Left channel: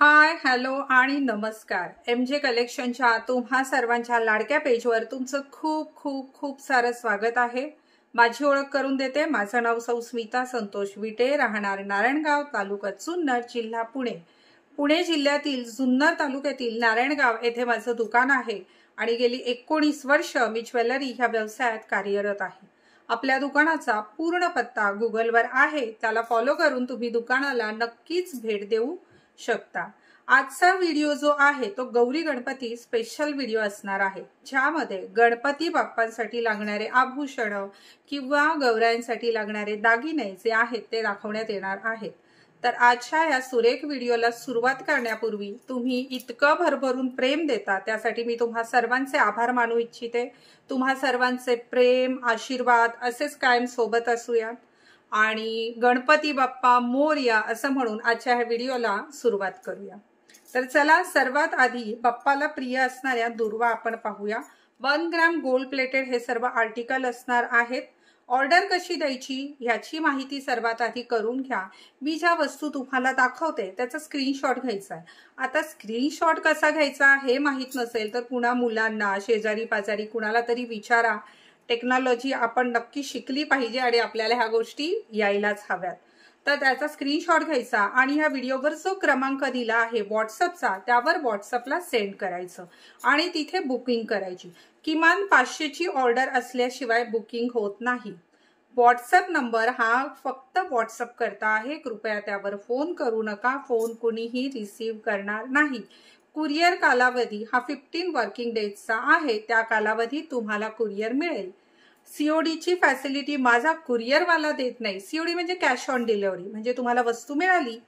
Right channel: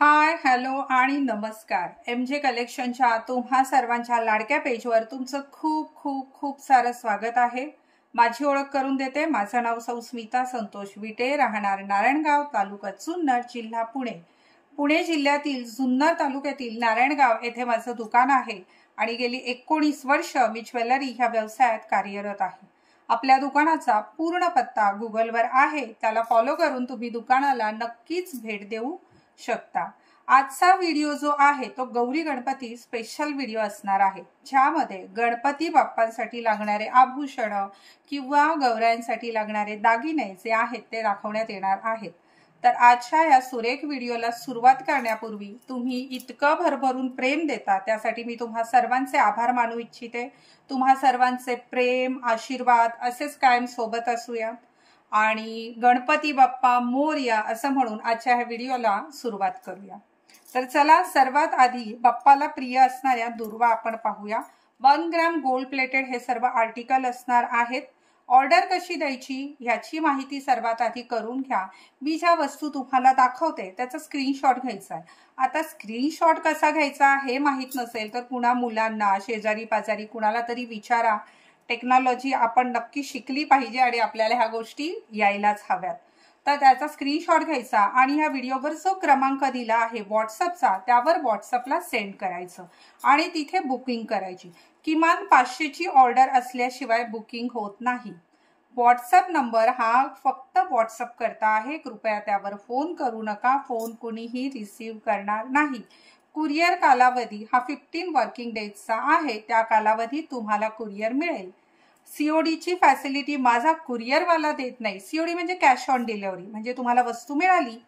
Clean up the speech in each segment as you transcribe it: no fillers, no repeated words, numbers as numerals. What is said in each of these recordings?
Hi hello आणि नमस्कार। MJ कलेक्शनच्या तुम्हा सर्वांच्या लाडक्या पेजवर तुमचं खूप खूप खूप सारं स्वागत आहे। माझी ओळख करून देते, माझं नाव सौ स्मिता संतोष विटे, राहणार नारायणगाव, तालुका जुन्नर, जिल्हा पुणे। पुणे जिल्ह्यातील जुन्नर तालुक्यातील नारायणगाव येथे माझं दुकान आहे आणि गेली 19 वर्ष मी ज्वेलरी ह्या व्यवसायात कार्यरत आहे। आपल्या दुकानाचा पूर्ण पत्ता गुगलवर आहे, त्याला फॉलो करून तुम्ही दुकानाला नक्कीच भेट देऊ शकता। आजचा व्हिडिओ जो आहे तो गौरी गणपती स्पेशल व्हिडिओ असणार आहे, ज्यामध्ये गणपती बाप्पांसाठी लागणारे आभूषण किंवा गौरांसाठी लागणारे दागिने जे आहेत ते दाखवण्यात येणार आहेत। तर आजच्या या सुरेख व्हिडिओला सुरुवात करण्यापूर्वी तुम्ही इतकं भरभरून प्रेम देता त्यासाठी मी तुम्हा सर्वांचे आभार मानू इच्छिते। तुम्हा सर्वांचे प्रेम आशीर्वाद असेच कायम सोबत असूया आणि गणपती बाप्पा मोरया असं म्हणून आजच्या ह्या व्हिडिओला सुरुवात करूया। तर चला, सर्वात आधी बाप्पाला प्रिय असणाऱ्या दुर्वा आपण पाहूया। 1 ग्रॅम गोल्ड प्लेटेड हे सर्व आर्टिकल असणार आहेत। ऑर्डर कशी द्यायची याची माहिती सर्वात आधी करून घ्या। मी ज्या वस्तू तुम्हाला दाखवते त्याचा स्क्रीनशॉट घ्यायचा आहे। आता स्क्रीनशॉट कसा घ्यायचा हे माहित नसेल तर पुन्हा मुलांना, शेजारी पाजारी कुणाला तरी विचारा। टेक्नॉलॉजी आपण नक्की शिकली पाहिजे आणि आपल्याला ह्या गोष्टी यायलाच हव्यात। तर त्याचा स्क्रीनशॉट घ्यायचा आणि ह्या व्हिडिओवर जो क्रमांक दिला आहे व्हॉट्सअपचा, त्यावर व्हॉट्सअपला सेंड करायचं आणि तिथे बुकिंग करायची। किमान 500 ची ऑर्डर असल्याशिवाय बुकिंग होत नाही। व्हॉट्सअप नंबर हा फक्त व्हॉट्सअप करता आहे, कृपया त्यावर फोन करू नका, फोन कोणीही रिसीव्ह करणार नाही। कुरिअर कालावधी हा 15 वर्किंग डेजचा आहे, त्या कालावधीत तुम्हाला कुरिअर मिळेल। COD ची फॅसिलिटी माझा कुरिअरवाला देत नाही। COD म्हणजे कॅश ऑन डिलिव्हरी, म्हणजे तुम्हाला वस्तू मिळाली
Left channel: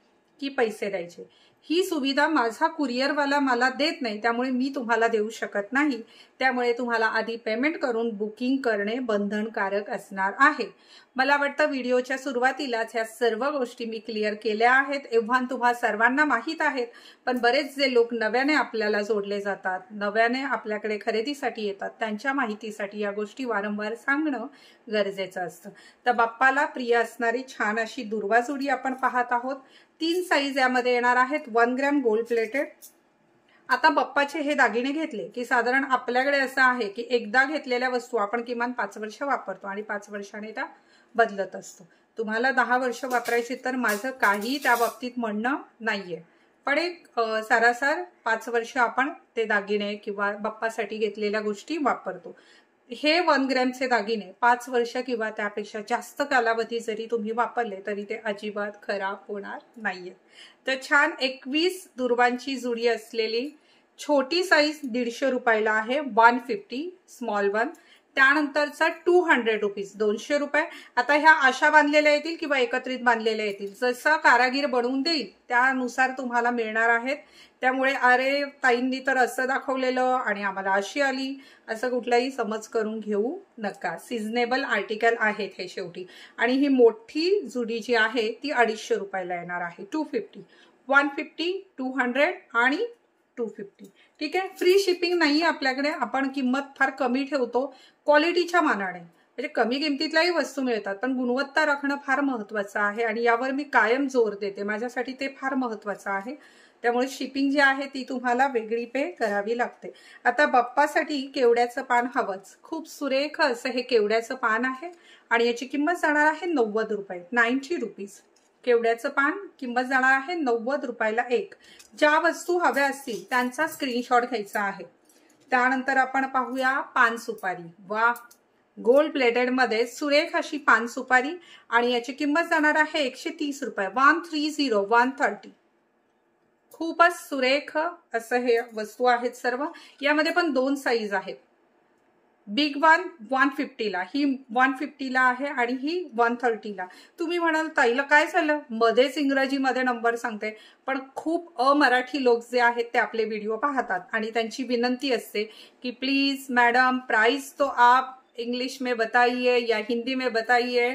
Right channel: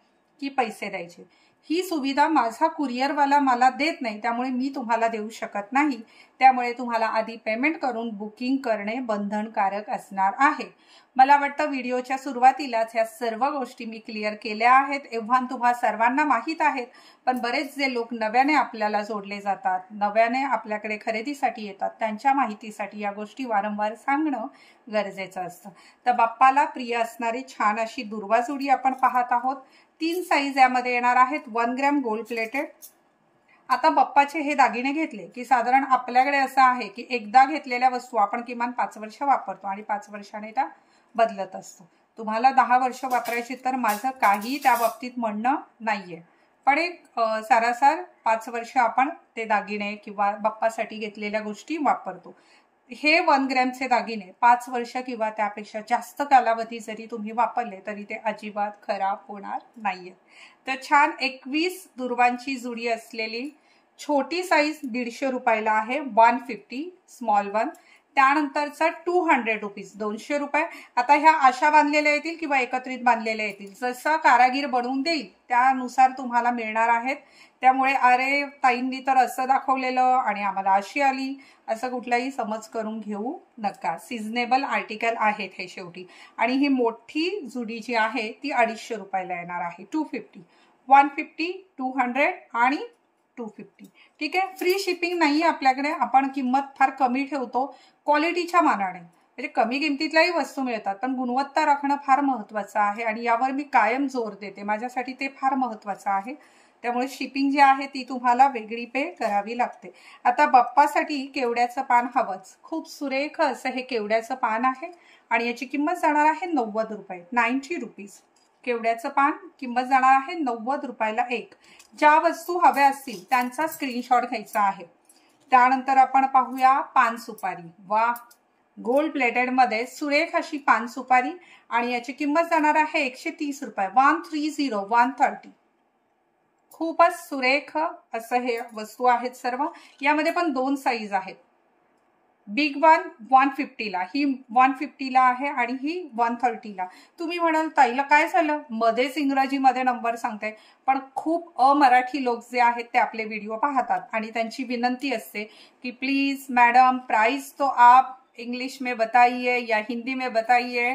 की पैसे द्यायचे। ही सुविधा माझा कुरिअरवाला मला देत नाही, त्यामुळे मी तुम्हाला देऊ शकत नाही। त्यामुळे तुम्हाला आधी पेमेंट करून बुकिंग करणे बंधनकारक असणार आहे। मला वाटतं व्हिडिओच्या सुरुवातीलाच ह्या सर्व गोष्टी मी क्लिअर केल्या आहेत, एव्हा तुम्हा सर्वांना माहीत आहेत। पण बरेच जे लोक नव्याने आपल्याला जोडले जातात, नव्याने आपल्याकडे खरेदीसाठी येतात, त्यांच्या माहितीसाठी या गोष्टी वारंवार सांगणं गरजेचं असतं। तर बाप्पाला प्रिय असणारी छान अशी दुर्वा जोडी आपण पाहत आहोत। 3 साईज यामध्ये येणार आहेत। 1 ग्रॅम गोल्ड प्लेटेड। आता बाप्पाचे हे दागिने घेतले की साधारण आपल्याकडे असं आहे की एकदा घेतलेल्या वस्तू आपण किमान 5 वर्ष वापरतो आणि 5 वर्षाने त्या बदलत असतो। तुम्हाला 10 वर्ष वापरायची तर माझं काही त्या बाबतीत म्हणणं नाहीये, पण एक सारासार 5 वर्ष आपण ते दागिने किंवा बाप्पासाठी घेतलेल्या गोष्टी वापरतो। हे 1 ग्रॅमचे दागिने 5 वर्ष किंवा त्यापेक्षा जास्त कालावधी जरी तुम्ही वापरले तरी ते अजिबात खराब होणार नाहीये। तर छान 21 दुर्वांची जुडी असलेली छोटी साईज 150 रुपयाला आहे, 150 स्मॉल वन। त्यानंतरचा 200 रुपीज, 200 रुपये। आता ह्या अशा बांधलेल्या येतील किंवा एकत्रित बांधलेल्या येतील, जसा कारागीर बनवून देईल त्यानुसार तुम्हाला मिळणार आहेत। त्यामुळे अरे ताईंनी तर असं दाखवलेलं आणि आम्हाला अशी आली असं कुठलाही समज करून घेऊ नका। सिजनेबल आर्टिकल आहेत हे शेवटी। आणि ही मोठी जुडी जी आहे ती 250 रुपयाला येणार आहे, 250, 150, 200 आणि 250। ठीक आहे, फ्री शिपिंग नाही आपल्याकडे, आपण किंमत फार कमी ठेवतो क्वालिटीच्या मानाने। म्हणजे कमी किमतीतल्याही वस्तू मिळतात, पण गुणवत्ता राखणं फार महत्त्वाचं आहे आणि यावर मी कायम जोर देते, माझ्यासाठी ते फार महत्त्वाचं आहे। त्यामुळे शिपिंग जी आहे ती तुम्हाला वेगळी पे करावी लागते। आता बाप्पासाठी केवड्याचं पान हवंच, खूप सुरेख असं हे केवड्याचं पान आहे आणि याची किंमत जाणार आहे 90 रुपये, 90 रुपीज। केवड्याचं पान किंमत जाणार आहे 90 रुपयाला एक। ज्या वस्तू हव्या असतील त्यांचा स्क्रीनशॉट घ्यायचा आहे। त्यानंतर आपण पाहूया पान सुपारी। वा, गोल्ड प्लेटेड मध्ये सुरेख अशी पान सुपारी आणि याची किंमत जाणार आहे 130 रुपये, 130, 130। खूपच सुरेख असं हे वस्तू आहेत सर्व। यामध्ये पण 2 साईज आहेत। बिग वन 150 ला, ही 150 ला आहे आणि ही 130 ला। तुम्ही म्हणाल ताईला काय झालं, मध्येच इंग्रजीमध्ये नंबर सांगते, पण खूप अमराठी लोक जे आहेत ते आपले व्हिडिओ पाहतात आणि त्यांची विनंती असते की प्लीज मैडम प्राइस तो आप इंग्लिश में बताइए या हिंदी में बताइए।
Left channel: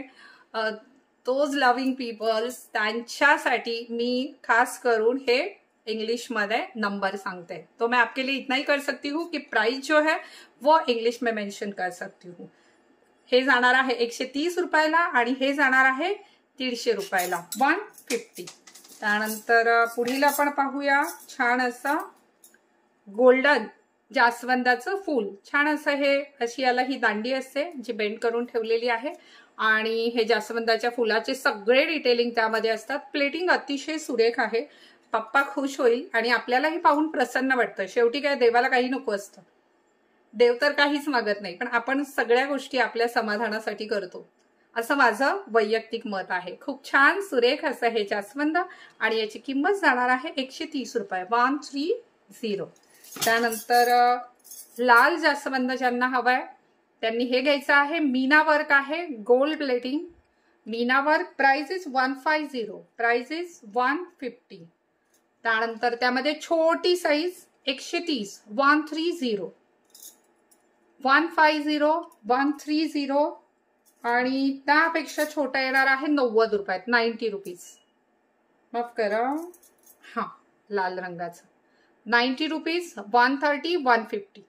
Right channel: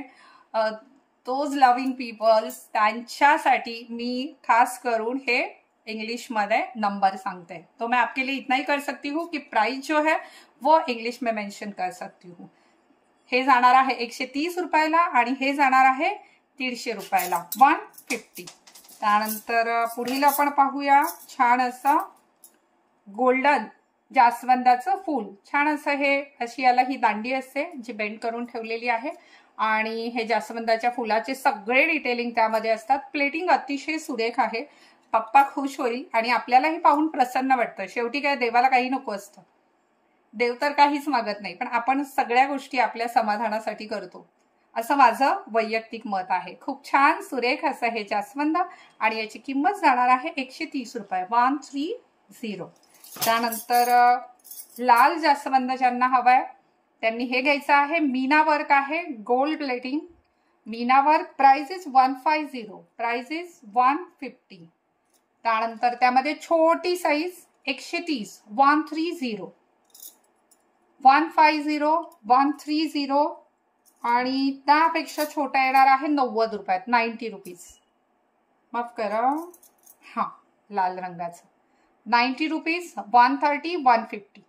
दोज लविंग पीपल्स, त्यांच्यासाठी मी खास करून हे इंग्लिश में नंबर सांगते। तो मैं आपके लिए इतना ही कर सकती हूँ कि प्राइस जो है वो इंग्लिश में मेंशन कर सकती हूँ। हे जाणार आहे 130 रुपयाला आणि हे जाणार आहे 150 रुपयाला, 150। त्यानंतर पुढील आपण पाहूया छान असं गोल्डन जास्वंदाचं फूल. छान असं हे अशी याला ही दांडी असते जी बेंड करून ठेवलेली आहे आणि हे जास्वंदाच्या फुलाचे सगळे डिटेलिंग त्यामध्ये असतात. प्लेटिंग अतिशय सुरेख आहे. पप्पा खुश होईल आणि आपल्यालाही पाहून प्रसन्न वाटतं. शेवटी काय देवाला काही नको असतं, देव तर काहीच मागत नाही, पण आपण सगळ्या गोष्टी आपल्या समाधानासाठी करतो असं माझं वैयक्तिक मत आहे. खूप छान सुरेख असं हे जास्वंद आणि याची किंमत जाणार आहे 130 रुपये, 130. त्यानंतर लाल जास्वंद ज्यांना हवाय त्यांनी हे घ्यायचं आहे. मीना वर्क आहे, gold plating Meena work. Price is 150, price is 150. त्यानंतर त्यामध्ये छोटी साईज 130, 130, 150, 130 आणि त्यापेक्षा छोटा येणार आहे 90 रुपयात, 90 रुपीज. माफ करा, हा लाल रंगाचं 90 रुपीज, 130, 150.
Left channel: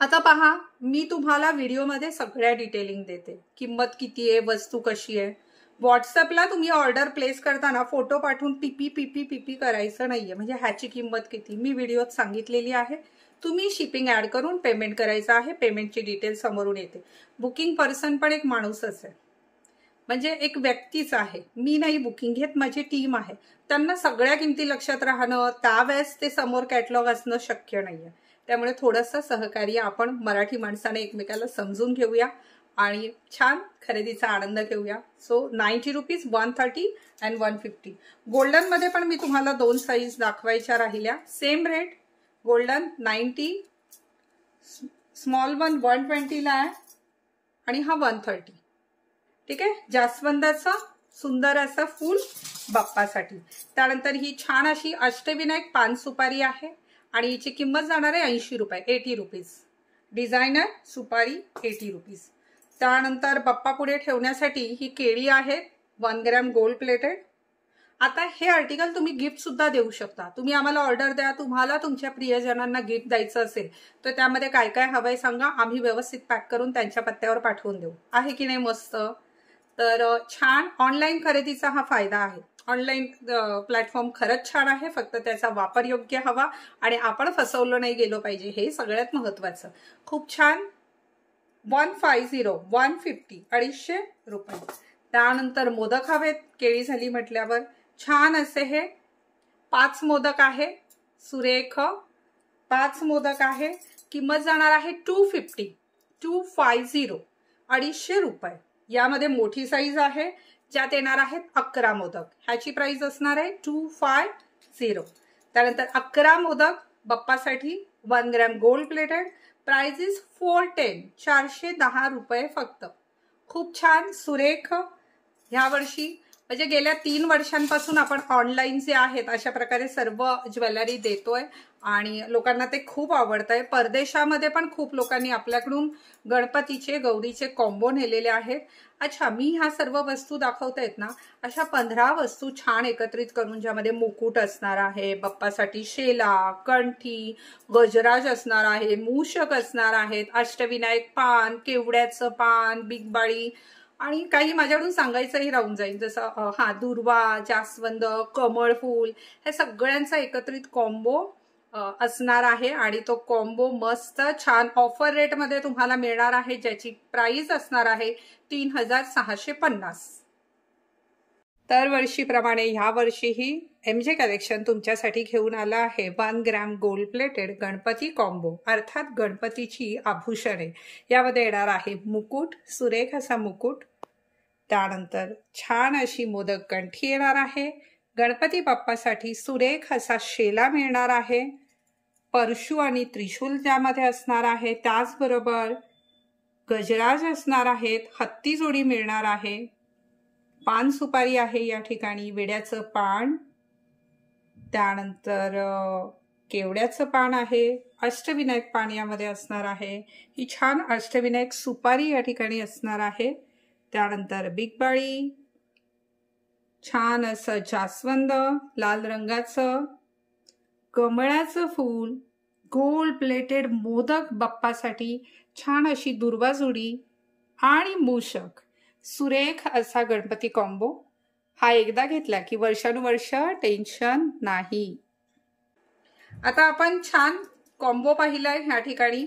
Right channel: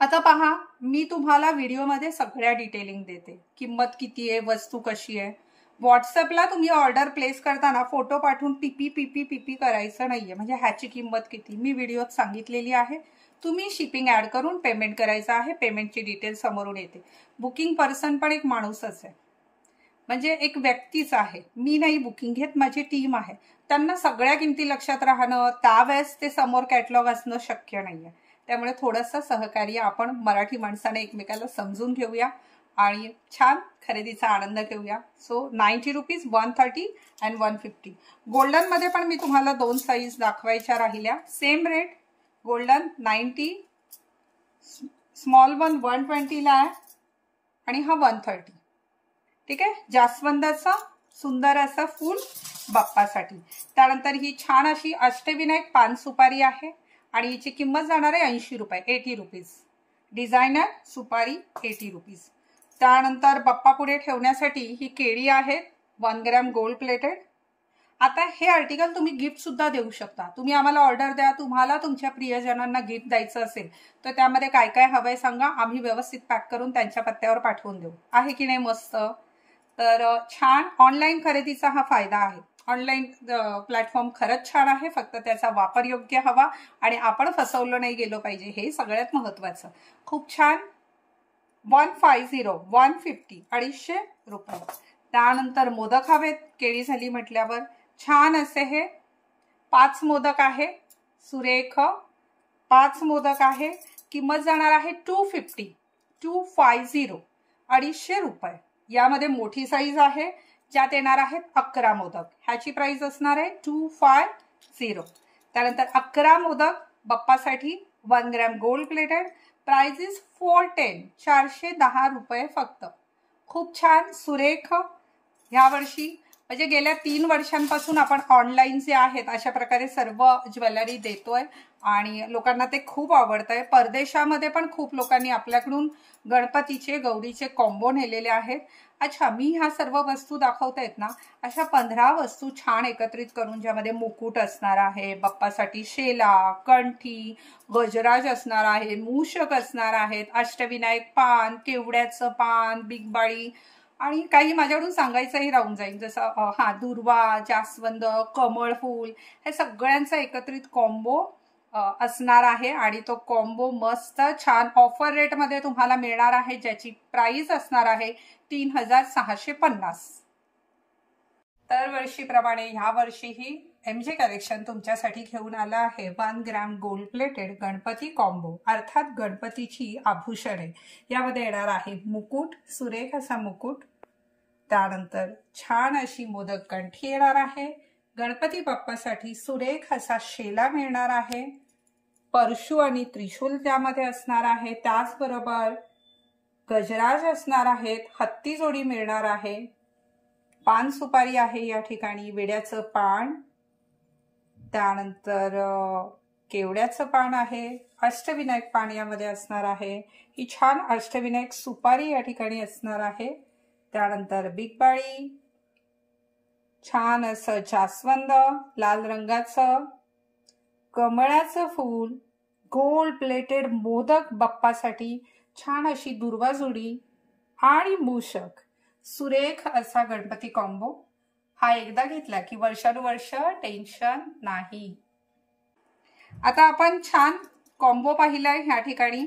आता पहा, मी तुम्हाला व्हिडिओमध्ये सगळ्या डिटेलिंग देते. किंमत किती आहे, वस्तू कशी आहे. व्हॉट्सअपला तुम्ही ऑर्डर प्लेस करताना फोटो पाठवून पीपी करायचं नाहीये. म्हणजे ह्याची किंमत किती मी व्हिडिओत सांगितलेली आहे. तुम्ही शिपिंग ऍड करून पेमेंट करायचं आहे. पेमेंटची डिटेल समोरून येते. बुकिंग पर्सन पण एक माणूसच आहे, म्हणजे एक व्यक्तीच आहे. मी नाही बुकिंग घेत, माझी टीम आहे. त्यांना सगळ्या किमती लक्षात राहणं, त्यावेळेस ते समोर कॅटलॉग असणं शक्य नाहीये. त्यामुळे थोडंसं सहकार्य आपण मराठी माणसाने एकमेकाला समजून घेऊया आणि छान खरेदीचा आनंद घेऊया. So 90 rupees, 130 and 150. गोल्डन मध्ये पण मी तुम्हाला 2 साईज दाखवायच्या राहिल्या. Same rate. Golden 90, small one 120 ला आहे आणि हा 130. ठीक आहे. जास्वंदाचा सुंदर असं फूल बाप्पासाठी. त्यानंतर ही छान अशी अष्टविनायक पान सुपारी आहे आणि हिची किंमत जाणार आहे 80 रुपये, 80 रुपीज. डिझायनर सुपारी 80 रुपीज. त्यानंतर बाप्पा पुढे ठेवण्यासाठी ही केळी आहेत 1 ग्रॅम गोल्ड प्लेटेड. आता हे आर्टिकल तुम्ही गिफ्ट सुद्धा देऊ शकता. तुम्ही आम्हाला ऑर्डर द्या, तुम्हाला तुमच्या प्रियजनांना गिफ्ट द्यायचं असेल तर त्यामध्ये काय काय हवंय सांगा, आम्ही व्यवस्थित पॅक करून त्यांच्या पत्त्यावर पाठवून देऊ. आहे की नाही मस्त. तर छान ऑनलाईन खरेदीचा हा फायदा आहे. ऑनलाईन प्लॅटफॉर्म खरंच छान आहे, फक्त त्याचा वापर योग्य हवा आणि आपण फसवलं नाही गेलो पाहिजे, हे सगळ्यात महत्वाचं. खूप छान. 150, 150, 250 रुपये. त्यानंतर मोदक हवेत, केळी झाली म्हटल्यावर. छान असे हे 5 मोदक आहे, सुरेख 5 मोदक आहे. किंमत जाणार आहे 250, 250, 250 रुपये. यामध्ये मोठी साईज आहे ज्यात येणार आहेत 11 मोदक. ह्याची प्राइस असणार आहे 250. त्यानंतर 11 मोदक बाप्पासाठी 1 gram gold plated. Price is 410, 410 रुपये फक्त. खूप छान सुरेख. ह्या वर्षी म्हणजे गेल्या 3 वर्षांपासून आपण ऑनलाईन जे आहेत अशा प्रकारे सर्व ज्वेलरी देतोय आणि लोकांना ते खूप आवडतंय. परदेशामध्ये पण खूप लोकांनी आपल्याकडून गणपतीचे गौरीचे कॉम्बो नेलेले आहेत. अच्छा, मी ह्या सर्व वस्तू दाखवतायत ना, अशा 15 वस्तू छान एकत्रित करून ज्यामध्ये मुकुट असणार आहे, बाप्पासाठी शेला, कंठी, गजराज असणार आहे, मूषक असणार आहेत, अष्टविनायक पान, केवड्याचं पान, बिगबाळी आणि काही माझ्याकडून सांगायचंही राहून जाईल, जसं दुर्वा, जास्वंद, कमळ फूल, हे सगळ्यांचा एकत्रित कॉम्बो असणार आहे आणि तो कॉम्बो मस्त छान ऑफर रेट मध्ये तुम्हाला मिळणार आहे, ज्याची प्राइस असणार आहे 3650. दरवर्षीप्रमाणे ह्या वर्षीही MJ कलेक्शन तुमच्यासाठी घेऊन आला आहे 1 gram gold plated Ganpati combo, अर्थात गणपतीची आभूषणे. यामध्ये येणार आहे मुकुट, सुरेख असा मुकुट. त्यानंतर छान अशी मोदक कंठी येणार आहे. गणपती बाप्पासाठी सुरेख असा शेला मिळणार आहे. परशु आणि त्रिशूल त्यामध्ये असणार आहे. त्याचबरोबर गजराज असणार आहेत. हत्ती जोडी मिळणार आहे. पान सुपारी आहे या ठिकाणी, विड्याचं पान, त्यानंतर केवड्याचं पान आहे, अष्टविनायक पान यामध्ये असणार आहे. ही छान अष्टविनायक सुपारी या ठिकाणी असणार आहे. त्यानंतर बिगबाळी, छान असं जास्वंद लाल रंगाचं, कमळाचं फूल, गोल्ड प्लेटेड मोदक बाप्पासाठी, छान अशी दुर्वा जोडी आणि मूषक. सुरेख असा गणपती कॉम्बो हा एकदा घेतला की वर्षानुवर्ष टेन्शन नाही। आता आपण छान कॉम्बो पाहिलाय ह्या ठिकाणी।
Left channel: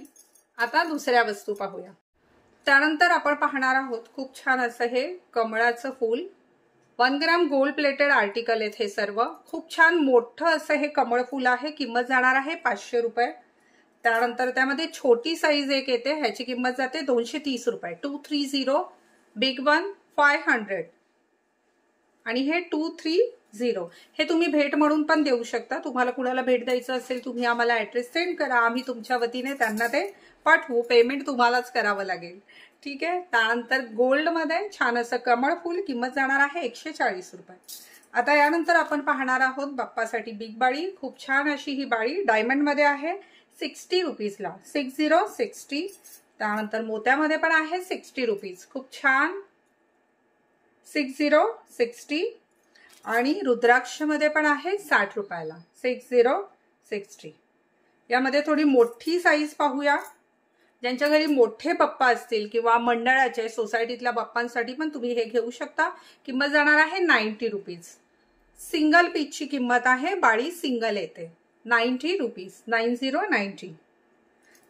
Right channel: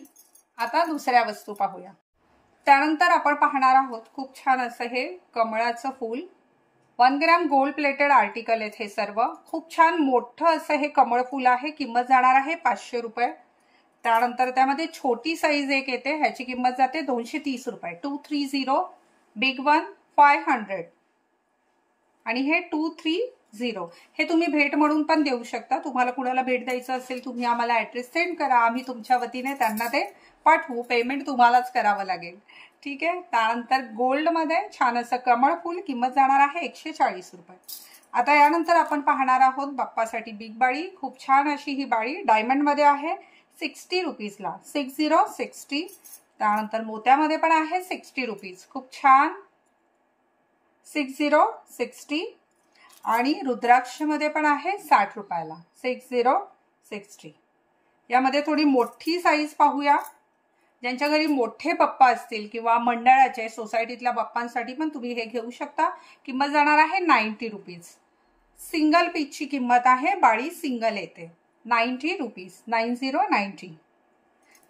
आता दुसऱ्या वस्तू पाहूया। त्यानंतर आपण पाहणार आहोत खूप छान असं हे कमळाचं फूल। 1 ग्रॅम गोल्ड प्लेटेड आर्टिकल आहेत हे सर्व। खूप छान मोठं असं हे कमळ फूल आहे। किंमत जाणार आहे 500 रुपये। त्यानंतर त्यामध्ये छोटी साईज एक येते, ह्याची किंमत जाते 230 रुपये। 230, बिग वन 500 आणि हे 230। हे तुम्ही भेट म्हणून पण देऊ शकता। तुम्हाला कुणाला भेट द्यायचं असेल तुम्ही आम्हाला ऍड्रेस सेंड करा, आम्ही तुमच्या वतीने त्यांना ते पाठवू। पेमेंट तुम्हालाच करावं लागेल, ठीक आहे। त्यानंतर गोल्ड मध्ये छान असं कमळ फूल, किंमत जाणार आहे 140 रुपये। आता यानंतर आपण पाहणार आहोत बाप्पासाठी बिग बाळी। खूप छान अशी ही बाळी डायमंड मध्ये आहे 60 रुपीजला। 60। त्यानंतर मोत्यामध्ये पण आहे 60 रुपीज। खूप छान 60 आणि रुद्राक्ष मध्ये पण आहे 60 रुपयाला। 60। यामध्ये थोडी मोठी साईज पाहूया। ज्यांच्या घरी मोठे बाप्पा असतील किंवा मंडळाचे सोसायटीतल्या बाप्पांसाठी पण तुम्ही हे घेऊ शकता। किंमत जाणार आहे 90 रुपीज। सिंगल पीसची किंमत आहे, बाळी सिंगल येते 90 रुपीज। 90।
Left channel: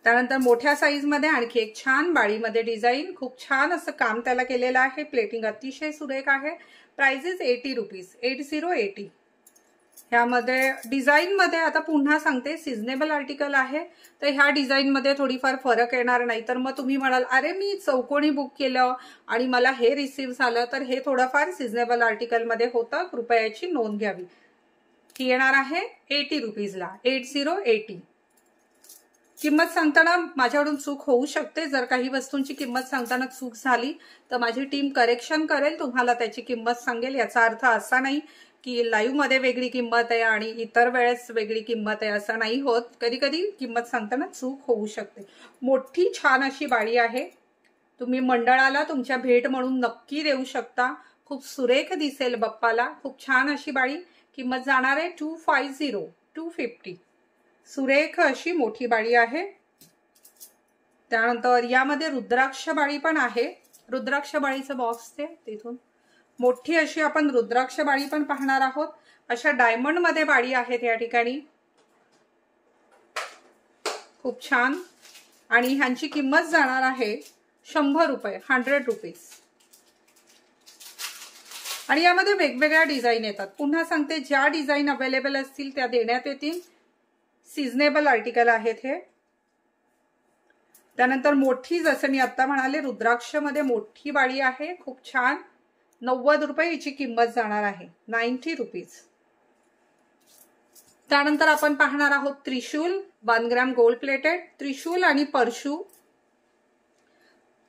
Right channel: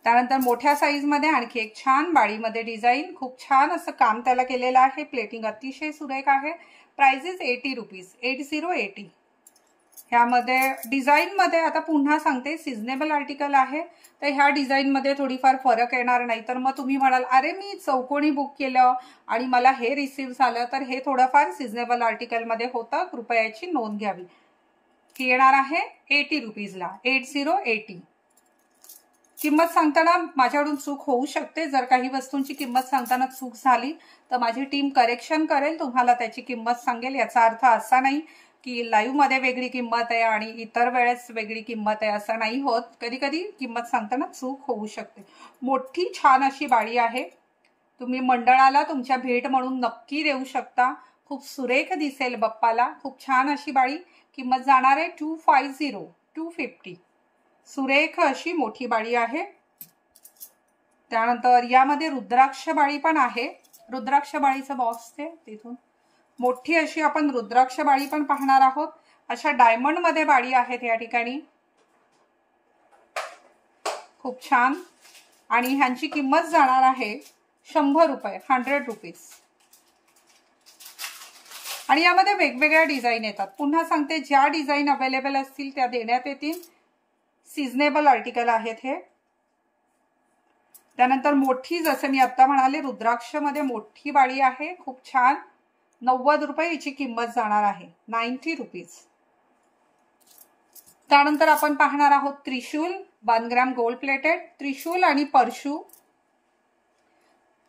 त्यानंतर मोठ्या साईज मध्ये आणखी एक छान बाळीमध्ये डिझाईन, खूप छान असं काम त्याला केलेलं आहे। प्लेटिंग अतिशय सुरेख आहे। Prices 80 rupees. 80। ह्यामध्ये डिझाईन मध्ये आता पुन्हा सांगते सिजनेबल आर्टिकल आहे, तर ह्या डिझाईन मध्ये थोडीफार फरक येणार नाही। तर मग तुम्ही म्हणाल अरे मी चौकोनी बुक केलं आणि मला हे रिसीव्ह झालं, तर हे थोडंफार सिजनेबल आर्टिकल मध्ये होतं, कृपया याची नोंद घ्यावी। ही येणार आहे 80 रुपीजला। 80। किंमत सांगताना माझ्याकडून चूक होऊ शकते। जर काही वस्तूंची किंमत सांगताना चूक झाली तर माझी टीम करेक्शन करेल, तुम्हाला त्याची किंमत सांगेल। याचा अर्थ असा नाही की लाईव्ह मध्ये वेगळी किंमत आहे आणि इतर वेळेस वेगळी किंमत आहे, असं नाही होत। कधी कधी किंमत सांगताना चूक होऊ शकते। मोठी छान अशी बाळी आहे, तुम्ही मंडळाला तुमच्या भेट म्हणून नक्की देऊ शकता। खूप सुरेख दिसेल बाप्पाला। खूप छान अशी बाळी, किंमत जाणार आहे 250। सुरेख अशी मोठी बाळी आहे। त्यानंतर यामध्ये रुद्राक्ष बाळी पण आहे। रुद्राक्ष बाळीचं बॉक्स ते तिथून मोठी अशी आपण रुद्राक्ष बाळी पण पाहणार आहोत। अशा डायमंड मध्ये बाळी आहेत या ठिकाणी, खूप छान। आणि ह्यांची किंमत जाणार आहे 100 रुपये। 100 रुपीज। आणि यामध्ये वेगवेगळ्या डिझाईन येतात। पुन्हा सांगते ज्या डिझाईन अवेलेबल असतील त्या देण्यात येतील। सिजनेबल आर्टिकल आहेत हे। त्यानंतर मोठी, जसं मी आता म्हणाले रुद्राक्ष मध्ये मोठी बाळी आहे, खूप छान 90 रुपये हिची किंमत जाणार आहे। 90 रुपीज। त्यानंतर आपण पाहणार आहोत त्रिशूल 1 ग्रॅम गोल्ड प्लेटेड त्रिशूल आणि परशू।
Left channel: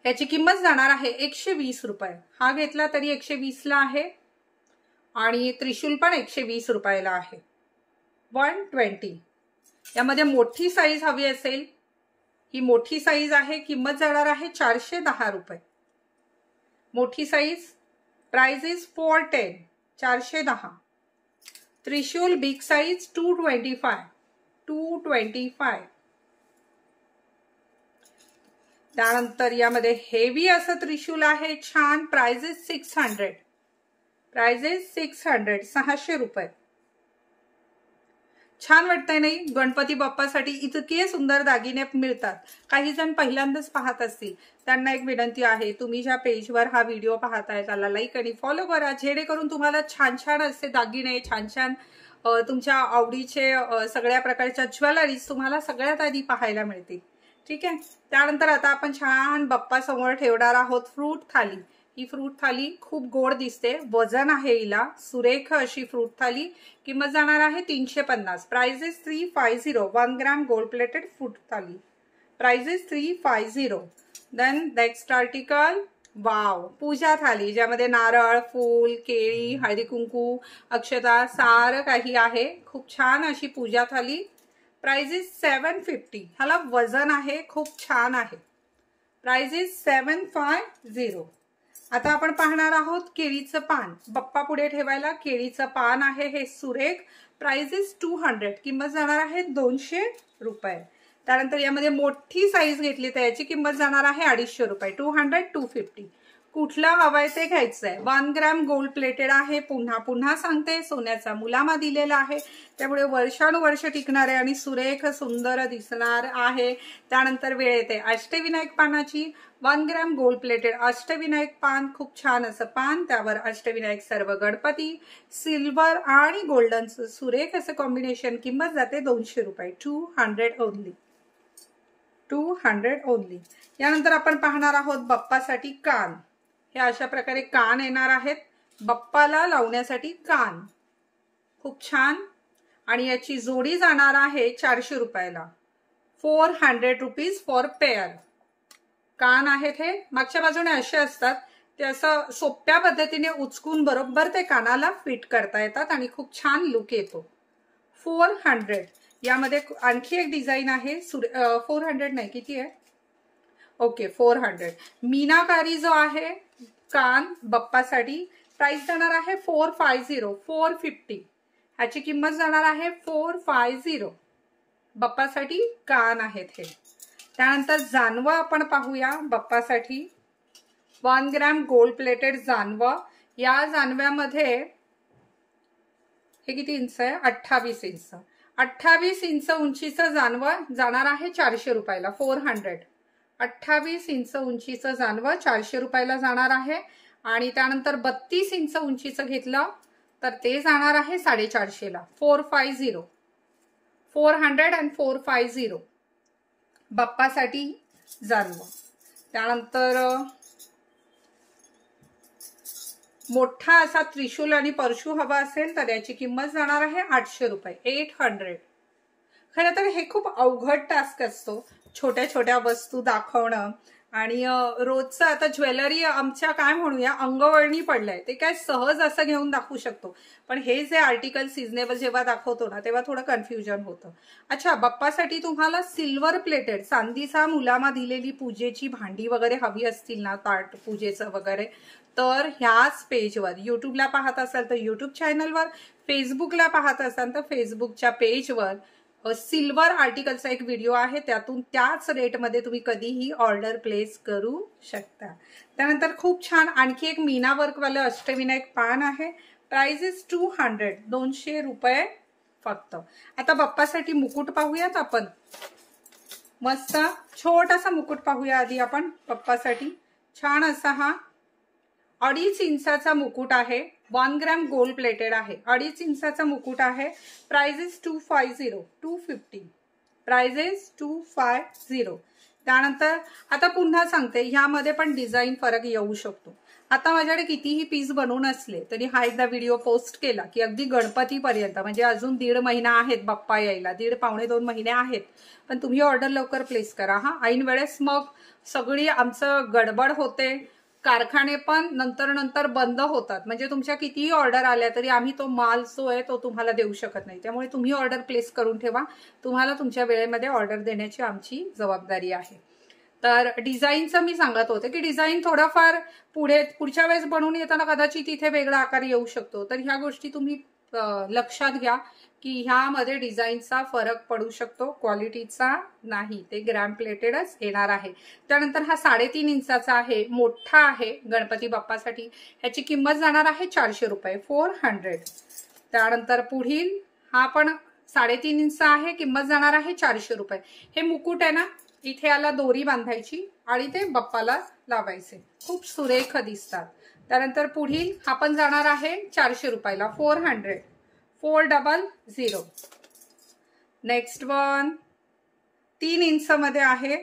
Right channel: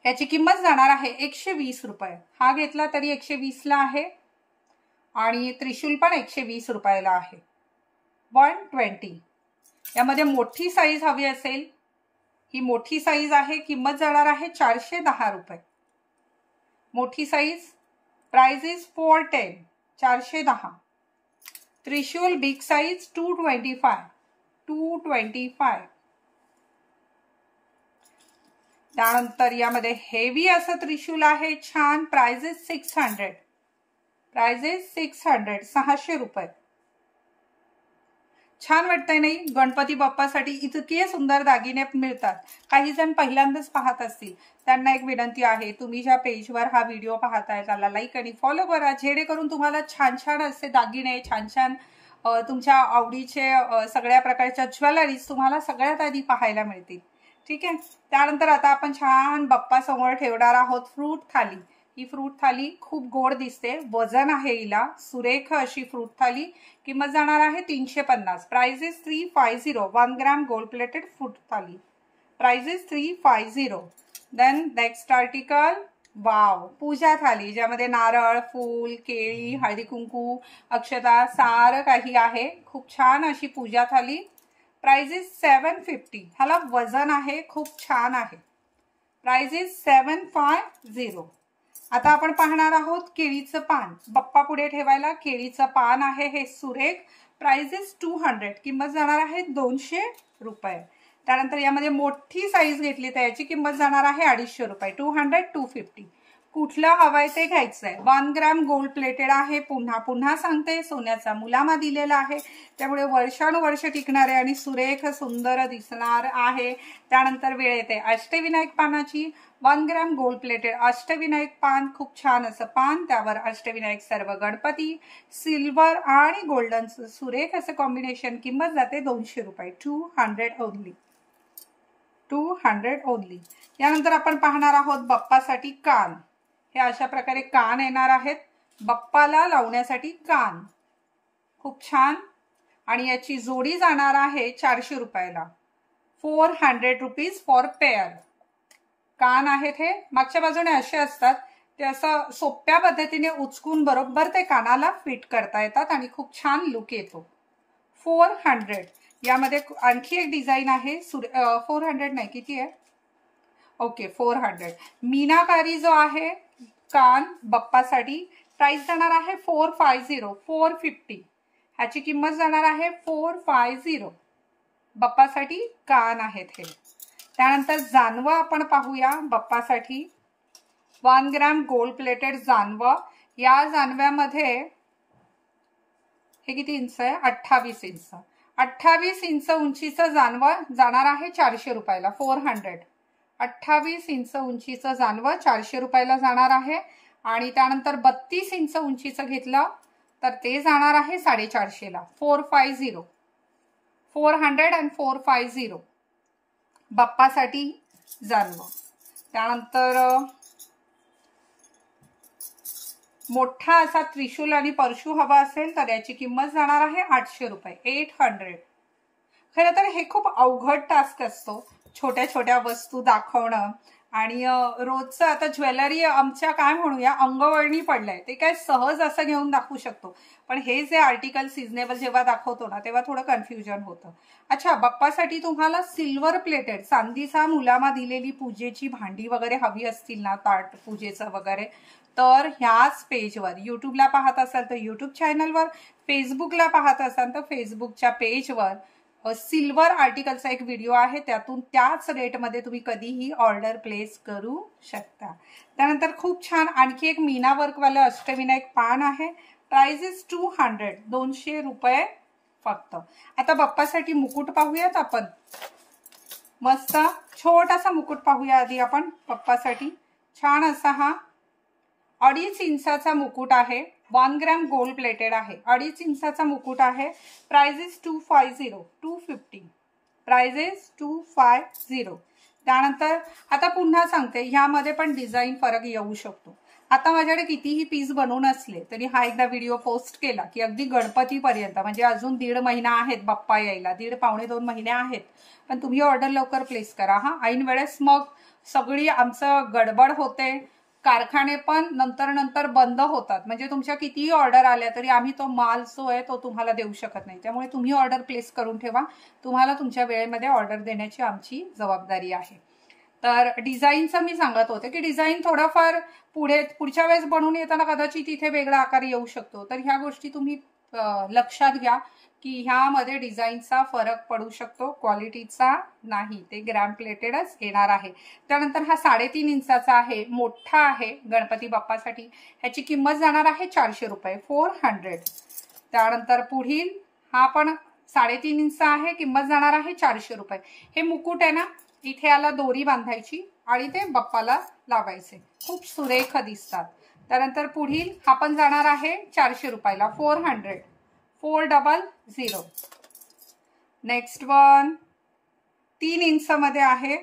याची किंमत जाणार आहे 120 रुपये। हा घेतला तरी 120 ला आहे आणि त्रिशूल पण 120 रुपयाला आहे। 120। यामध्ये मोठी साईज हवी असेल, ही मोठी साईज आहे, किंमत जाणार आहे 410 रुपये। मोठी size, price is 410। 410। Trishul big size 225। 225। त्यानंतर यामध्ये हेवी असं त्रिशूल आहे छान, प्राइस इज 600। Price is 600। 600 रुपये। छान वाटतंय नाही? गणपती बाप्पासाठी इतके सुंदर दागिने मिळतात। काही जण पहिल्यांदाच पाहत असतील, त्यांना एक विनंती आहे, तुम्ही ज्या पेजवर हा व्हिडिओ पाहताय त्याला लाईक आणि फॉलो करा, जेणेकरून तुम्हाला छान छान असे दागिने, छान छान तुमच्या आवडीचे सगळ्या प्रकारच्या ज्वेलरीज तुम्हाला सगळ्यात आधी पाहायला मिळतील, ठीक आहे। त्यानंतर आता आपण छान बाप्पा समोर ठेवणार आहोत फ्रूट थाली। ही फ्रूट थाली खूप गोड दिसते, वजन आहे हिला, सुरेख अशी फ्रूट थाली। किंमत जाणार आहे 350। Price is 350। 1 gram gold plated fruit thali. Price is 350। Then next article, wow, puja thali, ज्यामध्ये नारळ, फूल, केळी, हळदी कुंकू, अक्षता सारं काही आहे। खूप छान अशी पूजा थाली। Price is 750। ह्याला वजन आहे, खूप छान आहे। Price is 750। आता आपण पाहणार आहोत केळीचं पान। बाप्पा पुढे ठेवायला केळीचं पान आहे हे सुरेख। Price is 200। किंमत जाणार आहे 200 रुपये। त्यानंतर यामध्ये मोठी साईज घेतली तर याची किंमत जाणार आहे 250 रुपये। 200, 250। कुठलं हवंय ते घ्यायचंय। 1 ग्रॅम गोल्ड प्लेटेड आहे। पुन्हा पुन्हा सांगते, सोन्याचा मुलामा दिलेला आहे, त्यामुळे वर्षानुवर्ष टिकणार आहे आणि सुरेख सुंदर दिसणार आहे। त्यानंतर वेळ येते अष्टविनायक पानाची। 1 ग्रॅम गोल्ड प्लेटेड अष्टविनायक पान, खूप छान असं पान, त्यावर अष्टविनायक सर्व गणपती, सिल्वर आणि गोल्डन सुरेख असं कॉम्बिनेशन। किंमत जाते 200 रुपये, 200 ओनली, 200 ओनली। यानंतर आपण पाहणार आहोत बाप्पासाठी कान। हे अशा प्रकारे कान येणार आहेत, बाप्पाला लावण्यासाठी कान, खूप छान। आणि याची जोडी जाणार आहे 400 रुपयाला, 400 रुपीज फॉर पेअर। कान आहेत हे, मागच्या बाजूने असे असतात, ते असं सोप्या पद्धतीने उचकून बरोबर ते कानाला फिट करता येतात आणि खूप छान लुक येतो। 400। यामध्ये आणखी एक डिझाईन आहे, 400 नाही, किती आहे, ओके 400। मीनाकारी जो आहे कान बाप्पासाठी, प्राइस जाणार आहे 450, 450। ह्याची किंमत जाणार आहे 450। बाप्पासाठी कान आहेत हे। त्यानंतर जानवं आपण पाहूया बाप्पासाठी। 1 ग्रॅम गोल्ड प्लेटेड जानवं। या जानव्यामध्ये हे किती इंच आहे, 28 इंच, 28 इंच उंचीचं जानवं जाणार आहे 400 रुपयाला, 400। 28 इंच उंचीचं जानवं 400 रुपयाला जाणार आहे। आणि त्यानंतर 32 इंच उंचीचं घेतलं तर ते जाणार आहे 450 ला, 450, 400 and 450 बाप्पासाठी जानवं। त्यानंतर मोठा असा त्रिशूल आणि परशू हवा असेल तर याची किंमत जाणार आहे 800 रुपये, 800। खरं तर हे खूप अवघड टास्क असतो, छोट्या छोट्या वस्तू दाखवणं आणि रोजचं आता ज्वेलरी आमच्या काय म्हणूया अंगवळणी पडलंय, ते काय सहज असं घेऊन दाखवू शकतो, पण हे जे आर्टिकल सिजनेबल जेव्हा दाखवतो ना तेव्हा थोडं कन्फ्युजन होतं। अच्छा, बाप्पासाठी तुम्हाला सिल्वर प्लेटेड चांदीचा मुलामा दिलेली पूजेची भांडी वगैरे हवी असतील ना, ताट पूजेचं वगैरे, तर ह्याच पेजवर, यूट्यूबला पाहत असाल तर यूट्यूब चॅनलवर, फेसबुकला पाहत असाल तर फेसबुकच्या पेजवर सिल्वर आर्टिकलचा एक व्हिडिओ आहे, त्यातून त्याच रेटमध्ये तुम्ही कधीही ऑर्डर प्लेस करू शकता। त्यानंतर खूप छान आणखी एक मीना वर्कवालं अष्टविनायक पान आहे, प्राइस इज 200, 200 रुपये फक्त। आता बाप्पासाठी मुकुट पाहूयात आपण, मस्त छोटासा मुकुट पाहूया आधी आपण बाप्पासाठी। छान असा हा 2.5 इंचाचा मुकुट आहे, 1 ग्रॅम गोल्ड प्लेटेड आहे, 2.5 इंचाचा मुकुट आहे, प्राइस इज 250, 250, प्राइस इज 250। त्यानंतर आता पुन्हा सांगते, ह्यामध्ये पण डिझाईन फरक येऊ शकतो। आता माझ्याकडे कितीही पीस बनवून असले तरी हा एकदा व्हिडिओ पोस्ट केला की अगदी गणपतीपर्यंत, म्हणजे अजून 1.5 महिना आहेत बाप्पा यायला, 1.5 पावणे 2 महिने आहेत, पण तुम्ही ऑर्डर लवकर प्लेस करा हा, ऐन वेळेस मग सगळी आमचं गडबड होते, कारखाने पण नंतर बंद होतात, म्हणजे तुमच्या कितीही ऑर्डर आल्या तरी आम्ही तो माल जो आहे तो तुम्हाला देऊ शकत नाही। त्यामुळे तुम्ही ऑर्डर प्लेस करून ठेवा, तुम्हाला तुमच्या वेळेमध्ये ऑर्डर देण्याची आमची जबाबदारी आहे। तर डिझाईनचं मी सांगत होते की डिझाईन थोडाफार पुढच्या वेळेस बनवून येताना कदाचित इथे वेगळा आकार येऊ शकतो, तर ह्या गोष्टी तुम्ही लक्षात घ्या की ह्यामध्ये डिझाईनचा फरक पडू शकतो, क्वालिटीचा नाही, ते ग्रॅम प्लेटेडच येणार आहे। त्यानंतर हा 3.5 इंचाचा आहे, मोठा आहे गणपती बाप्पासाठी, ह्याची किंमत जाणार आहे 400 रुपये, 400। त्यानंतर पुढील हा पण 3.5 इंच आहे, किंमत जाणार आहे 400 रुपये। हे मुकुट आहे ना, इथे याला दोरी बांधायची आणि ते बाप्पाला लावायचे, खूप सुरेख दिसतात। त्यानंतर पुढील हा पण जाणार आहे 400 रुपयाला, 400, 400। नेक्स्ट वन 3 इंच मध्ये आहे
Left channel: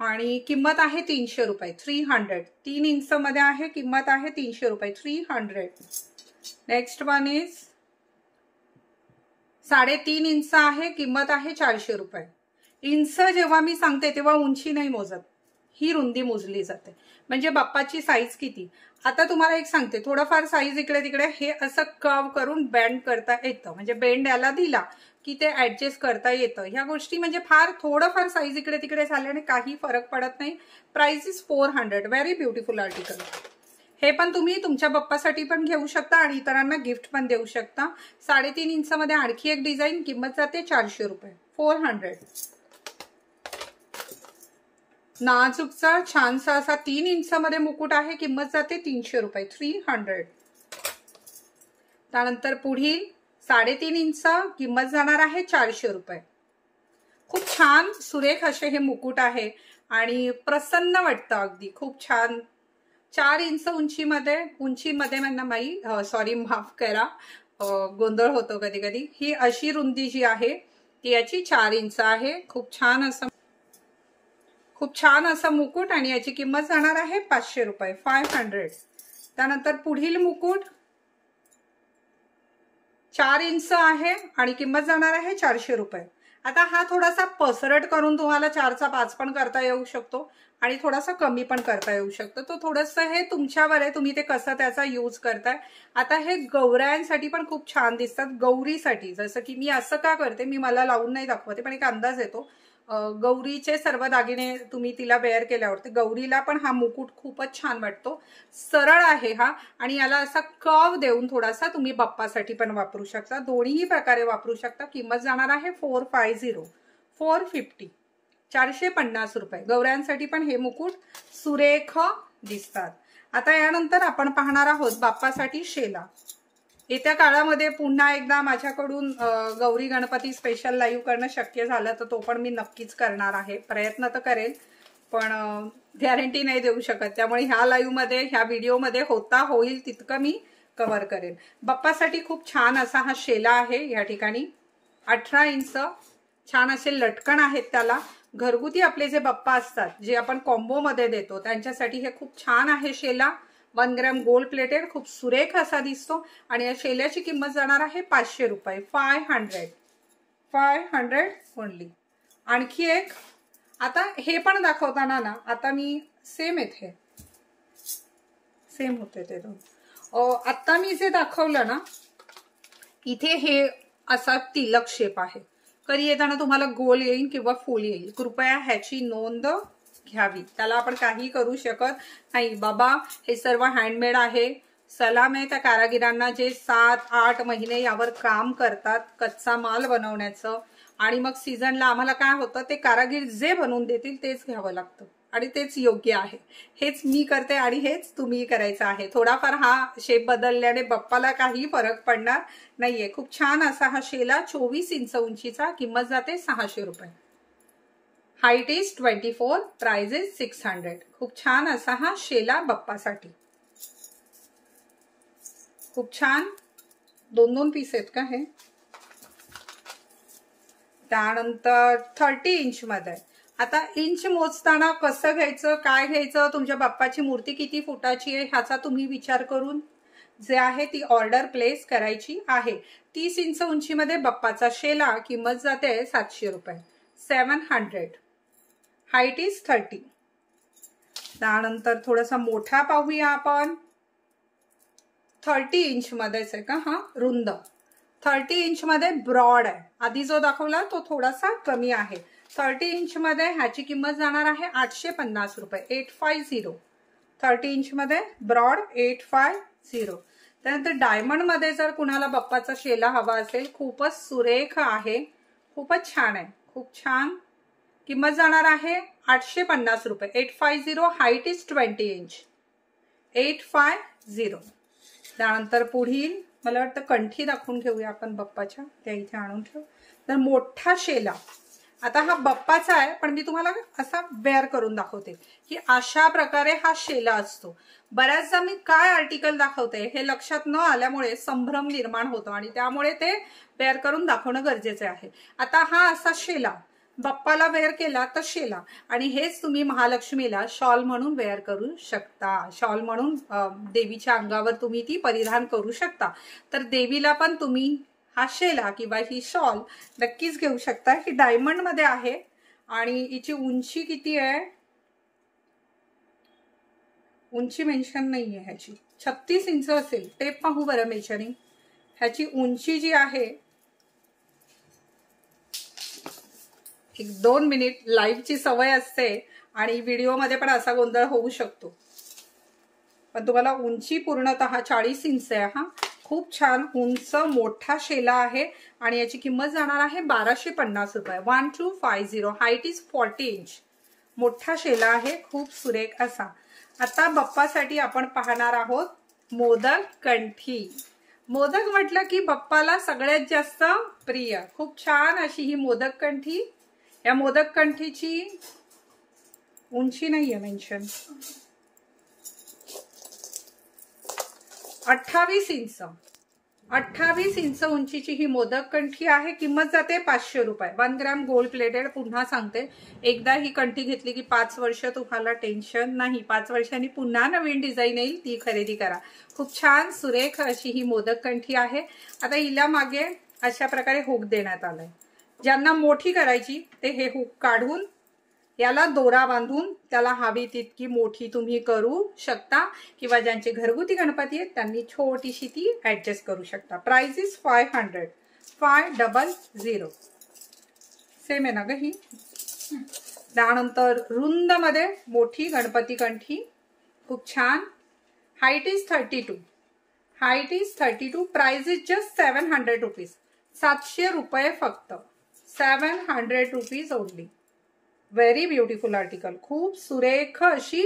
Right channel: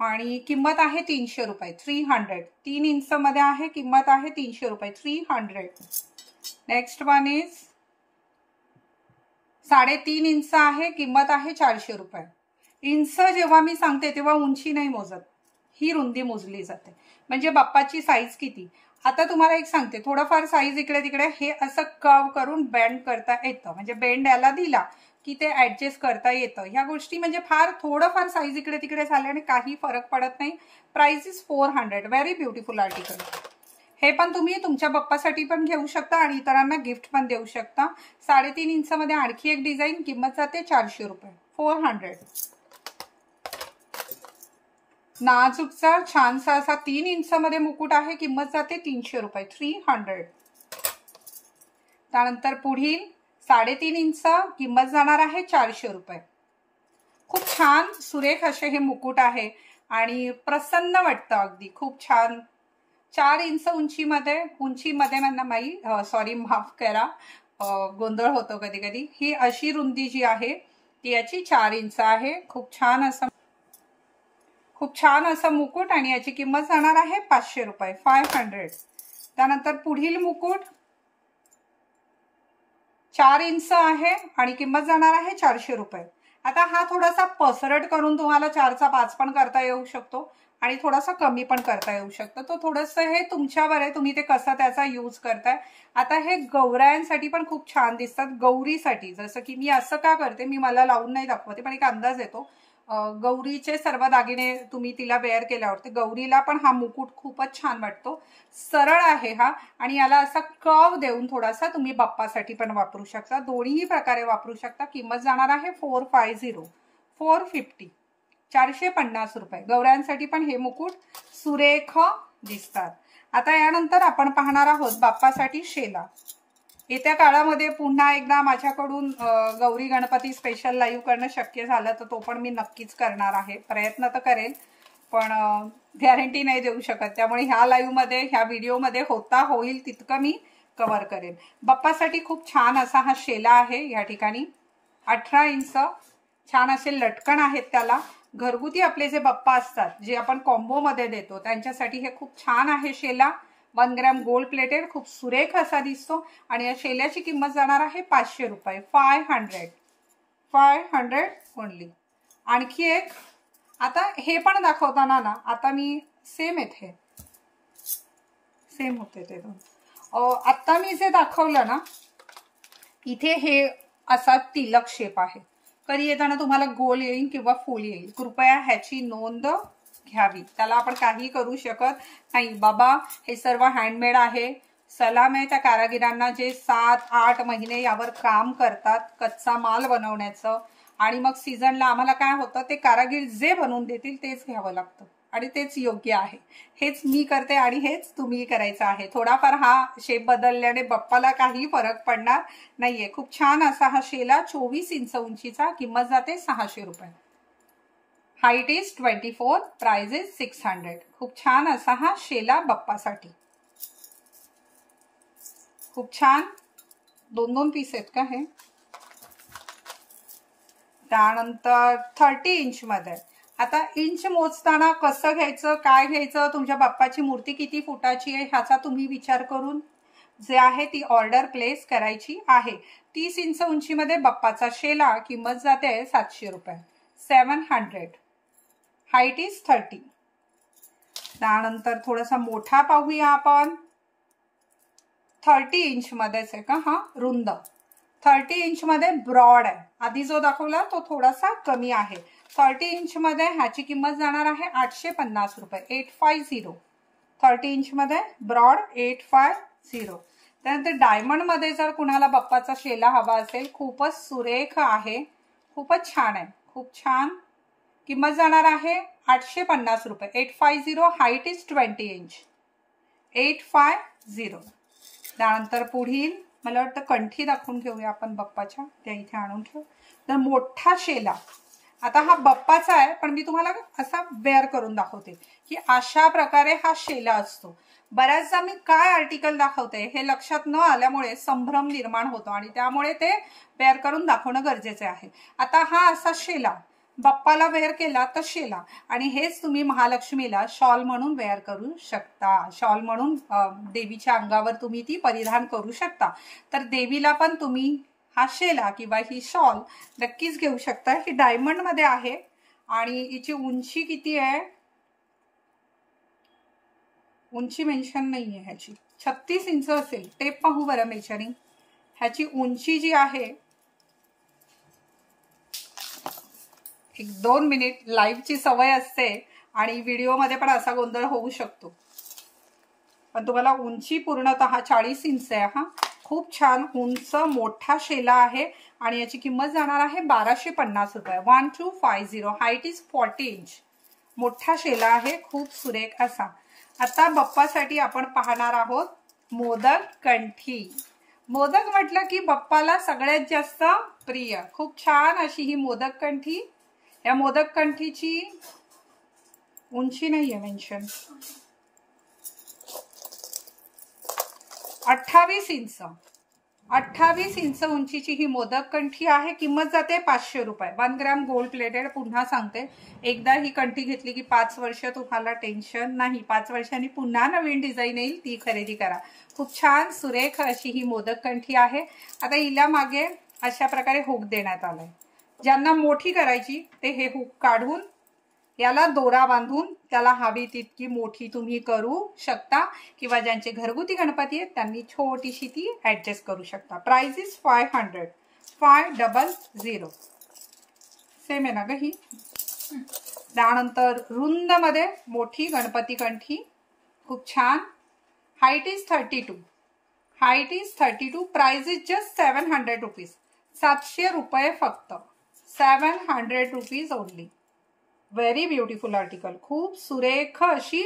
आणि किंमत आहे 300 रुपये, 300। 3 इंच मध्ये आहे, किंमत आहे 300 रुपये, 300। नेक्स्ट वन इज 3.5 इंच आहे, किंमत आहे 400 रुपये। इंच जेव्हा मी सांगते तेव्हा उंची नाही मोजत, ही रुंदी मोजली जाते, म्हणजे बाप्पाची साईज किती। आता तुम्हाला एक सांगते, थोडंफार साईज इकडे तिकडे हे असं कर्व करून बेंड करता येतं, म्हणजे बेंड याला दिला की ते ऍडजस्ट करता येतं। ह्या गोष्टी म्हणजे फार थोडंफार साईज इकडे तिकडे झाल्याने काही फरक पडत नाही। Price is 400, very beautiful article. हे पण तुम्ही तुमच्या बाप्पासाठी पण घेऊ शकता आणि इतरांना गिफ्ट पण देऊ शकता। 3.5 इंच मध्ये आणखी एक डिझाईन, किंमत जाते 400 रुपये, 400। नाजूकचा छानसा असा 3 इंच मध्ये मुकुट आहे. किंमत जाते 300 रुपये, 300. त्यानंतर पुढील 3.5 इंच, किंमत जाणार आहे 400 रुपये. खूप छान सुरेख असे हे मुकुट आहे आणि प्रसन्न वाटतं अगदी. खूप छान. 4 इंच उंचीमध्ये माई सॉरी माफ करा, गोंधळ होतो कधी कधी. ही अशी रुंदी जी आहे ती याची 4 इंच आहे. खूप छान असं मुकुट आणि याची किंमत जाणार आहे 500 रुपये, 500. त्यानंतर पुढील मुकुट 4 इंच आहे आणि किंमत जाणार आहे 400 रुपये. आता हा थोडासा पसरट करून तुम्हाला 4चा 5 पण करता येऊ शकतो आणि थोडासा कमी पण करता येऊ शकतो. तो थोडंसं हे तुमच्यावर आहे, तुम्ही ते कसं त्याचा यूज करताय. आता हे गौरायांसाठी पण खूप छान दिसतात. गौरीसाठी जसं की मी असं का करते, मी मला लावून नाही दाखवते पण एक अंदाज येतो. गौरीचे सर्व दागिने तुम्ही तिला वेअर केल्यावर गौरीला पण हा मुकुट खूपच छान वाटतो. सरळ आहे हा आणि याला असा कर्व देऊन थोडासा तुम्ही बाप्पासाठी पण वापरू शकता. दोन्ही प्रकारे वापरू शकता. किंमत जाणार आहे 450, 450, 450 रुपये. गौऱ्यांसाठी पण हे मुकुट सुरेख दिसतात. आता यानंतर आपण पाहणार आहोत बाप्पासाठी शेला. येत्या काळामध्ये पुन्हा एकदा माझ्याकडून गौरी गणपती स्पेशल लाईव्ह करणं शक्य झालं तर तो पण मी नक्कीच करणार आहे. प्रयत्न तर करेल पण गॅरंटी नाही देऊ शकत. त्यामुळे ह्या लाईव्ह मध्ये, ह्या व्हिडिओ मध्ये होईल तितकं मी कव्हर करेन. बाप्पासाठी खूप छान असा हा शेला आहे. या ठिकाणी 18 इंच छान असे लटकन आहेत त्याला. घरगुती आपले जे बाप्पा असतात, जे आपण कॉम्बो मध्ये देतो, त्यांच्यासाठी हे खूप छान आहे शेला. 1 ग्रॅम गोल्ड प्लेटेड, खूप सुरेख असा दिसतो आणि या शेल्याची किंमत जाणार आहे 500 रुपये, 500 ओनली. आणखी एक, आता हे पण दाखवताना ना, आता मी सेम होते ते दोन. आता मी जे दाखवलं ना, इथे हे असा तिलक शेप आहे. कधी येताना तुम्हाला गोल येईल किंवा फुल येईल. कृपया ह्याची नोंद घ्यावी. त्याला आपण काही करू शकत नाही. बाबा हे सर्व हँडमेड आहे. सलाम आहे त्या कारागिरांना जे 7-8 महिने यावर काम करतात कच्चा माल बनवण्याचं. आणि मग सीझनला आम्हाला काय होतं, ते कारागीर जे बनवून देतील तेच घ्यावं लागतं आणि तेच योग्य आहे. हेच मी करते आणि हेच तुम्ही करायचं आहे. थोडाफार हा शेप बदलल्याने बाप्पाला काही फरक पडणार नाहीये. खूप छान असा हा शेला 24 इंच उंचीचा. किंमत जाते 600 रुपये. Height is 24, price is 600. खूप छान असा हा शेला बाप्पासाठी. खूप छान. 2-2 पीस आहेत का हे. त्यानंतर 30 इंच मध्ये. आता इंच मोजताना कसं घ्यायचं, काय घ्यायचं, तुमच्या बाप्पाची मूर्ती किती फुटाची आहे ह्याचा तुम्ही विचार करून जे आहे ती ऑर्डर प्लेस करायची आहे. 30 इंच उंचीमध्ये बाप्पाचा शेला. किंमत जाते 700 रुपये, 700. Height is 30. त्यानंतर थोडासा मोठा पाहूया आपण. 30 इंच मध्येच आहे का हा, रुंद. 30 इंच मध्ये ब्रॉड आहे. आधी जो दाखवला तो थोडासा कमी आहे. 30 इंच मध्ये ह्याची किंमत जाणार आहे 850 रुपये, 850. 30 इंच मध्ये ब्रॉड 850. त्यानंतर डायमंड मध्ये जर कुणाला बाप्पाचा शेला हवा असेल, खूपच सुरेख आहे, खूपच छान आहे, खूप छान. किंमत जाणार आहे 850 रुपये, 850. Height is 20 inch, 850. त्यानंतर पुढील मला वाटतं कंठी दाखवून घेऊया आपण बाप्पाच्या. त्या इथे आणून ठेव. तर मोठा शेला. आता हा बाप्पाचा आहे पण मी तुम्हाला असा बेअर करून दाखवते की अशा प्रकारे हा शेला असतो. बऱ्याचदा मी काय आर्टिकल दाखवते हे लक्षात न आल्यामुळे संभ्रम निर्माण होतो आणि त्यामुळे ते बेअर करून दाखवणं गरजेचे आहे. आता हा असा शेला बाप्पाला वेअर केला तर शेला, आणि हेच तुम्ही महालक्ष्मीला शॉल म्हणून वेअर करू शकता. शॉल म्हणून देवीच्या अंगावर तुम्ही ती परिधान करू शकता. तर देवीला पण तुम्ही हा शेला किंवा ही शॉल नक्कीच घेऊ शकता. ही डायमंड मध्ये आहे आणि हिची उंची किती आहे, उंची मेन्शन नाहीये ह्याची. 36 इंच असेल. टेप पाहू बरं मेजरिंग. ह्याची उंची जी आहे, 1-2 मिनिट. लाईव्हची सवय असते आणि व्हिडिओमध्ये पण असा गोंधळ होऊ शकतो, पण तुम्हाला उंची पूर्णतः 40 इंच आहे. हा खूप छान उंच मोठा शेला आहे आणि याची किंमत जाणार आहे 1250 रुपये, 1250. Height is 40 inch. मोठा शेला आहे, खूप सुरेख असा। आता बाप्पासाठी आपण पाहणार आहोत मोदक कंठी। मोदक म्हटलं की बाप्पाला सगळ्यात जास्त प्रिय। खूप छान अशी ही मोदक कंठी। या मोदक कंठीची उंची नाहीये मेन्शन, 28 इंच, 28 इंच उंचीची ही मोदक कंठी आहे। किंमत जाते 500 रुपये। 1 ग्रॅम गोल्ड प्लेटेड। पुन्हा सांगते, एकदा ही कंठी घेतली की 5 वर्ष तुम्हाला टेन्शन नाही। 5 वर्षांनी पुन्हा नवीन डिझाईन येईल, ती खरेदी करा। खूप छान सुरेख अशी ही मोदक कंठी आहे। आता हिला मागे अशा प्रकारे हुक देण्यात आलाय। ज्यांना मोठी करायची ते हे हुक काढून याला दोरा बांधून त्याला हवी तितकी मोठी तुम्ही करू शकता, किंवा ज्यांचे घरगुती गणपती आहेत त्यांनी छोटीशी ती ऍडजस्ट करू शकता। Price is 500, 500। सेम आहे ना ग ही। त्यानंतर रुंद मध्ये मोठी गणपती कंठी, खूप छान। Height is 32, height is 32। Price is just 700 rupees, 700 रुपये फक्त, 700 rupees only. Very beautiful article. खूप सुरेख अशी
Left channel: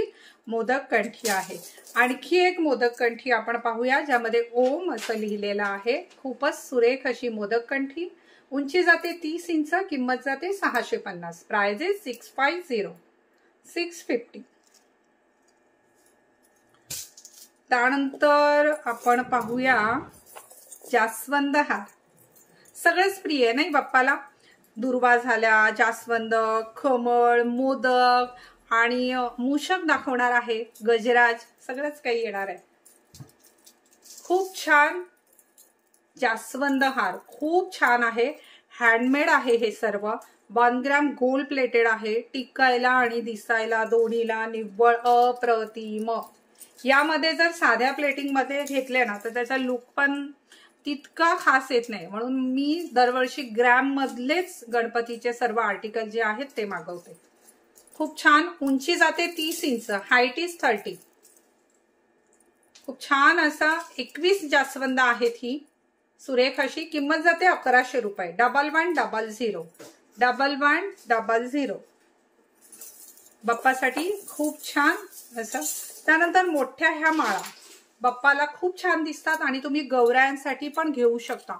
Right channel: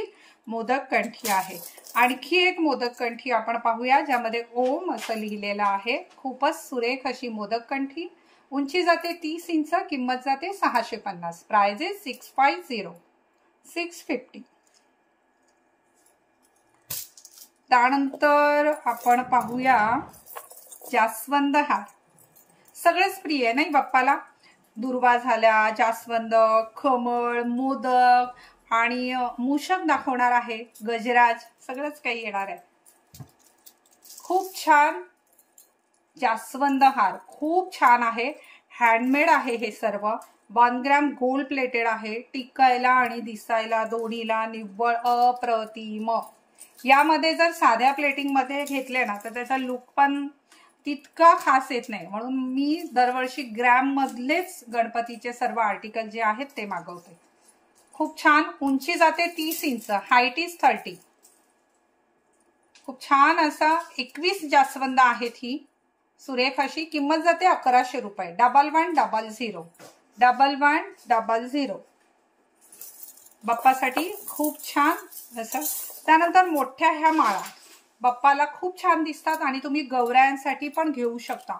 मोदक कंठी आहे। आणखी एक मोदक कंठी आपण पाहूया, ज्यामध्ये ओम असं लिहिलेलं आहे। खूपच सुरेख अशी मोदक कंठी। उंची जाते 30 इंच, किंमत जाते 650। Price is 650, 650। त्यानंतर आपण पाहूया जास्वंद हार। सगळेच प्रिय नाही बाप्पाला। दुर्वा झाल्या, जास्वंद, कमळ, मोदक आणि मूषक दाखवणार आहे, गजराज, सगळंच काही येणार आहे। खूप छान जास्वंद हार, खूप छान आहे। हँडमेड आहे हे सर्व। 1 ग्रॅम गोल्ड प्लेटेड आहे। टिकायला आणि दिसायला दोन्हीला निव्वळ अप्रतिम। यामध्ये जर साध्या प्लेटिंग मध्ये घेतले ना तर त्याचा लुक पण तितका खास येत नाही, म्हणून मी दरवर्षी ग्रॅम मधलेच गणपतीचे सर्व आर्टिकल जे आहेत ते मागवते। खूप छान। उंची जाते 30 इंच, हाईट इज 30। खूप छान असा 21 जास्वंद आहेत ही, सुरेख अशी। किंमत जाते 1100 रुपये। 1100, 1100। बाप्पासाठी खूप छान असं। त्यानंतर मोठ्या ह्या माळा बाप्पाला खूप छान दिसतात आणि तुम्ही गौरायांसाठी पण घेऊ शकता।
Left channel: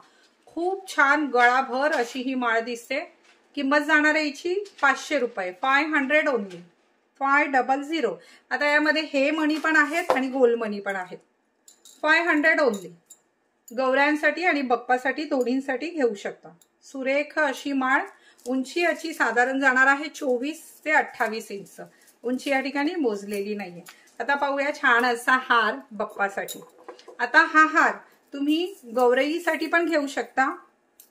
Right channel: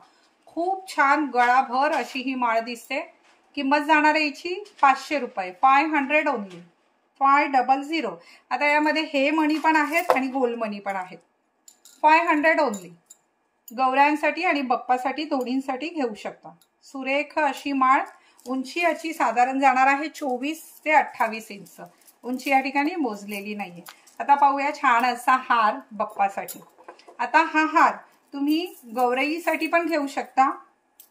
खूप छान गळाभर अशी ही माळ दिसते। किंमत जाणार आहे याची 500 रुपये, 500 ओनली, 500। आता यामध्ये हे मणी पण आहेत आणि गोल्ड मणी पण आहेत। 500 ओनली। गौरायांसाठी आणि बाप्पासाठी दोन्हींसाठी घेऊ शकता। सुरेख अशी माळ। उंची याची साधारण जाणार आहे 24 ते 28 इंच। उंची या ठिकाणी मोजलेली नाहीये। आता पाहूया छान असा हार बाप्पासाठी। आता हा हार तुम्ही गौराईसाठी पण घेऊ शकता,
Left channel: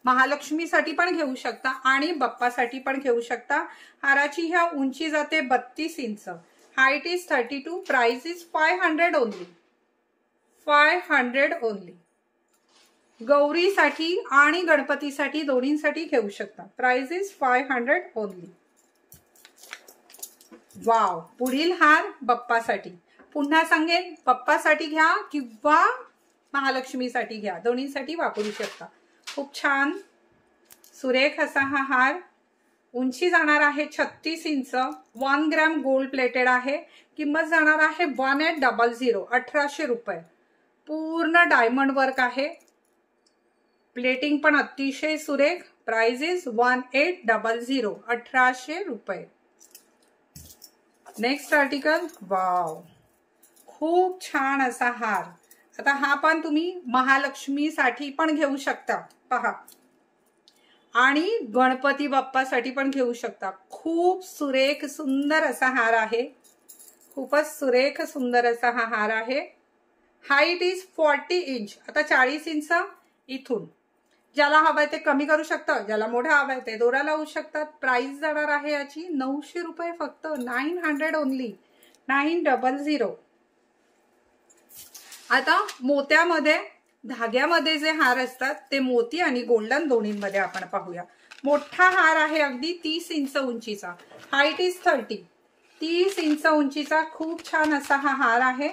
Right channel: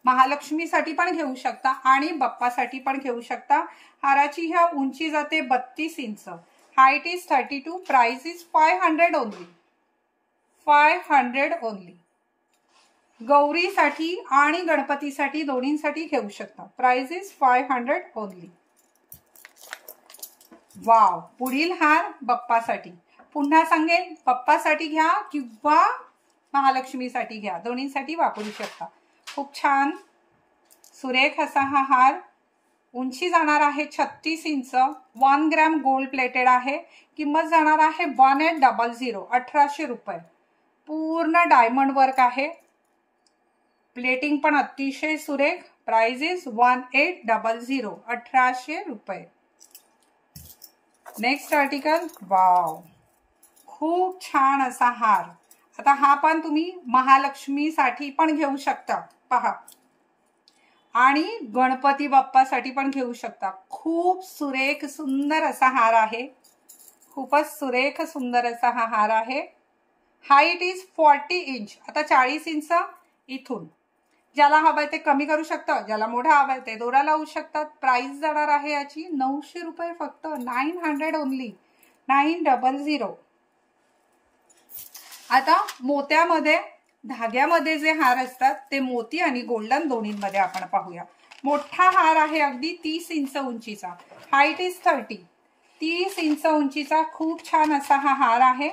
महालक्ष्मीसाठी पण घेऊ शकता आणि बाप्पासाठी पण घेऊ शकता। हाराची ह्या उंची जाते 32 इंच, height is 32। Price is 500 only, 500 only. गौरीसाठी आणि गणपतीसाठी दोन्हींसाठी घेऊ शकता। Price is 500 only. वाव। पुढील हार बाप्पासाठी। पुन्हा सांगेन, बाप्पासाठी घ्या किंवा महालक्ष्मीसाठी घ्या, दोन्हींसाठी वापरू शकता। खूप छान सुरेख असा हा हार। उंची जाणार आहे 36 इंच, 1 ग्रॅम गोल्ड प्लेटेड आहे। किंमत जाणार आहे 1800, 1800 रुपये। पूर्ण डायमंड वर्क आहे। प्लेटिंग पण अतिशय सुरेख। प्राइस इज 1800, 1800 रुपये। Next article. वाव, खूप छान असा हार। आता हा पण तुम्ही महालक्ष्मीसाठी पण घेऊ शकता पहा, आणि गणपती बाप्पासाठी पण घेऊ शकता। खूप सुरेख सुंदर असा हार आहे। खूपच सुरेख सुंदर असा हा हार आहे। Height is 40 inch. आता 40 इंच इथून ज्याला हवंय ते कमी करू शकता, ज्याला मोठा हवाय ते दोरा लावू शकतात। प्राइस जाणार आहे याची 900 रुपये फक्त, 900 ओनली, 900। आता मोत्यामध्ये धाग्यामध्ये जे हार असतात ते मोती आणि गोल्डन दोन्हींमध्ये आपण पाहूया। मोठा हार आहे अगदी 30 इंच उंचीचा, हाईट इज 30, 30 इंच उंचीचा खूप छान असा हा हार आहे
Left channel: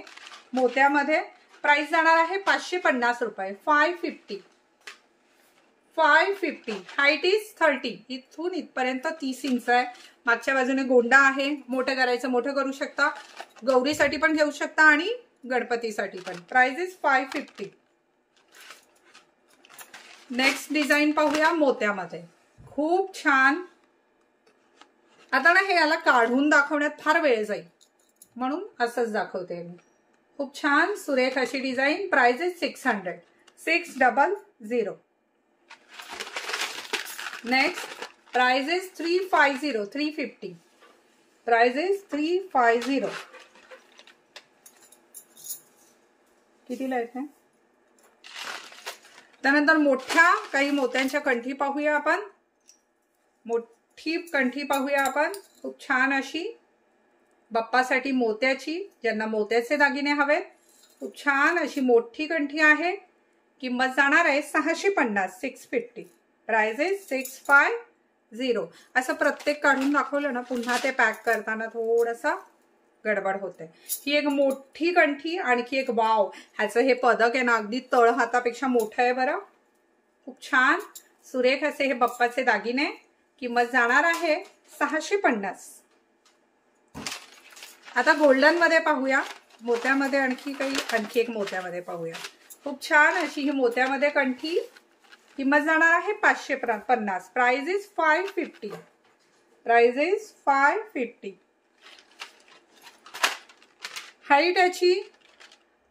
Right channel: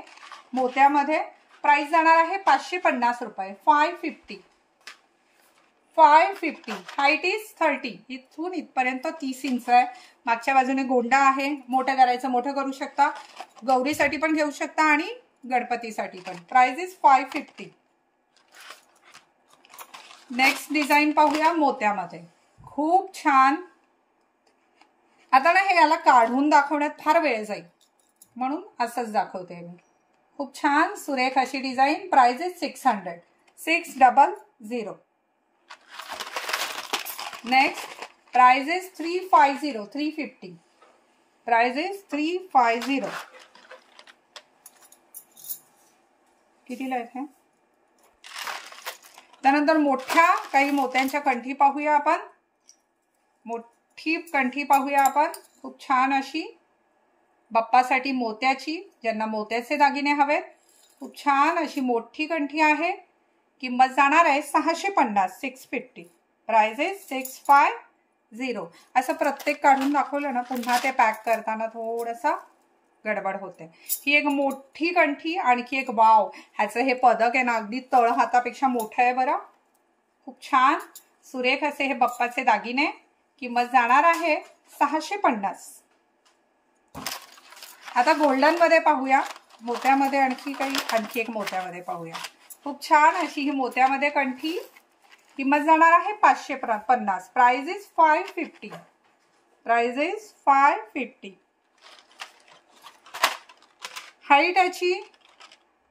मोत्यामध्ये। प्राइस जाणार आहे 550 रुपये, 550, 550. Height is 30. इथून इथपर्यंत 30 इंच आहे. मागच्या बाजूने गोंडा आहे. मोठं करायचं मोठं करू शकता. गौरीसाठी पण घेऊ शकता आणि गणपतीसाठी पण. Price is 550. नेक्स्ट डिझाईन पाहूया मोत्यामध्ये. खूप छान. आता ना हे याला काढून दाखवण्यात फार वेळ जाईल म्हणून असंच दाखवते मी. खूप छान सुरेख अशी design. Price is 600. 600. Next price is 350. 350. Price is 350. कितीला येते? त्यानंतर मोठ्या काही मोत्यांच्या कंठी पाहूया आपण. मोठी कंठी पाहूया आपण. खूप छान अशी बाप्पासाठी मोत्याची, ज्यांना मोत्याचे दागिने हवेत. खूप छान अशी मोठी कंठी आहे. किंमत जाणार आहे 650. 650. Price is 650. असं प्रत्येक काढून दाखवलं ना पुन्हा ते पॅक करताना थोडंसं गडबड होते. ही एक मोठी कंठी. आणखी एक वाव, ह्याचं हे पदक आहे ना अगदी तळ हातापेक्षा मोठं आहे बरं. खूप छान सुरेख असे हे बाप्पाचे दागिने. किंमत जाणार आहे 650. आता गोल्डन मध्ये पाहूया. मोत्यामध्ये आणखी एक मोत्यामध्ये पाहूया. खूप छान अशी ही मोत्यामध्ये कंठी. किंमत जाणार आहे 550. Price is 550. Price is 550. Height याची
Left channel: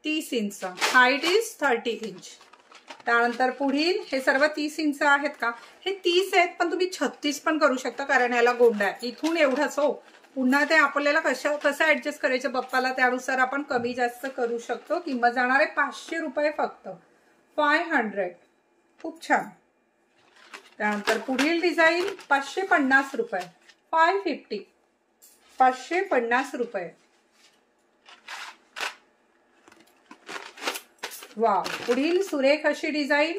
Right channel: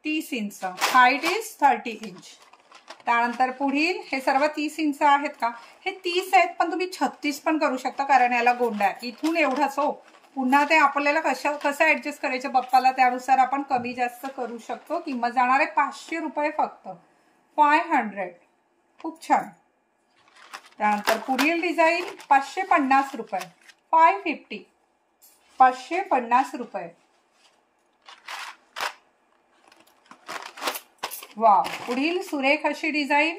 30 इंच. Height is 30 inch. त्यानंतर पुढील हे सर्व 30 इंच आहेत का? हे 30 आहेत पण तुम्ही 36 पण करू शकता कारण याला गोंडा आहे. इथून एवढाच हो. पुन्हा ते आपल्याला कसं ऍडजस्ट करायचं बाप्पाला त्यानुसार आपण कमी जास्त करू शकतो. किंमत जाणार आहे 500 रुपये फक्त. 500. खूप छान. त्यानंतर पुढील डिझाईन 550 रुपये. 550. 550 रुपये. वाव. पुढील सुरेख अशी डिझाईन.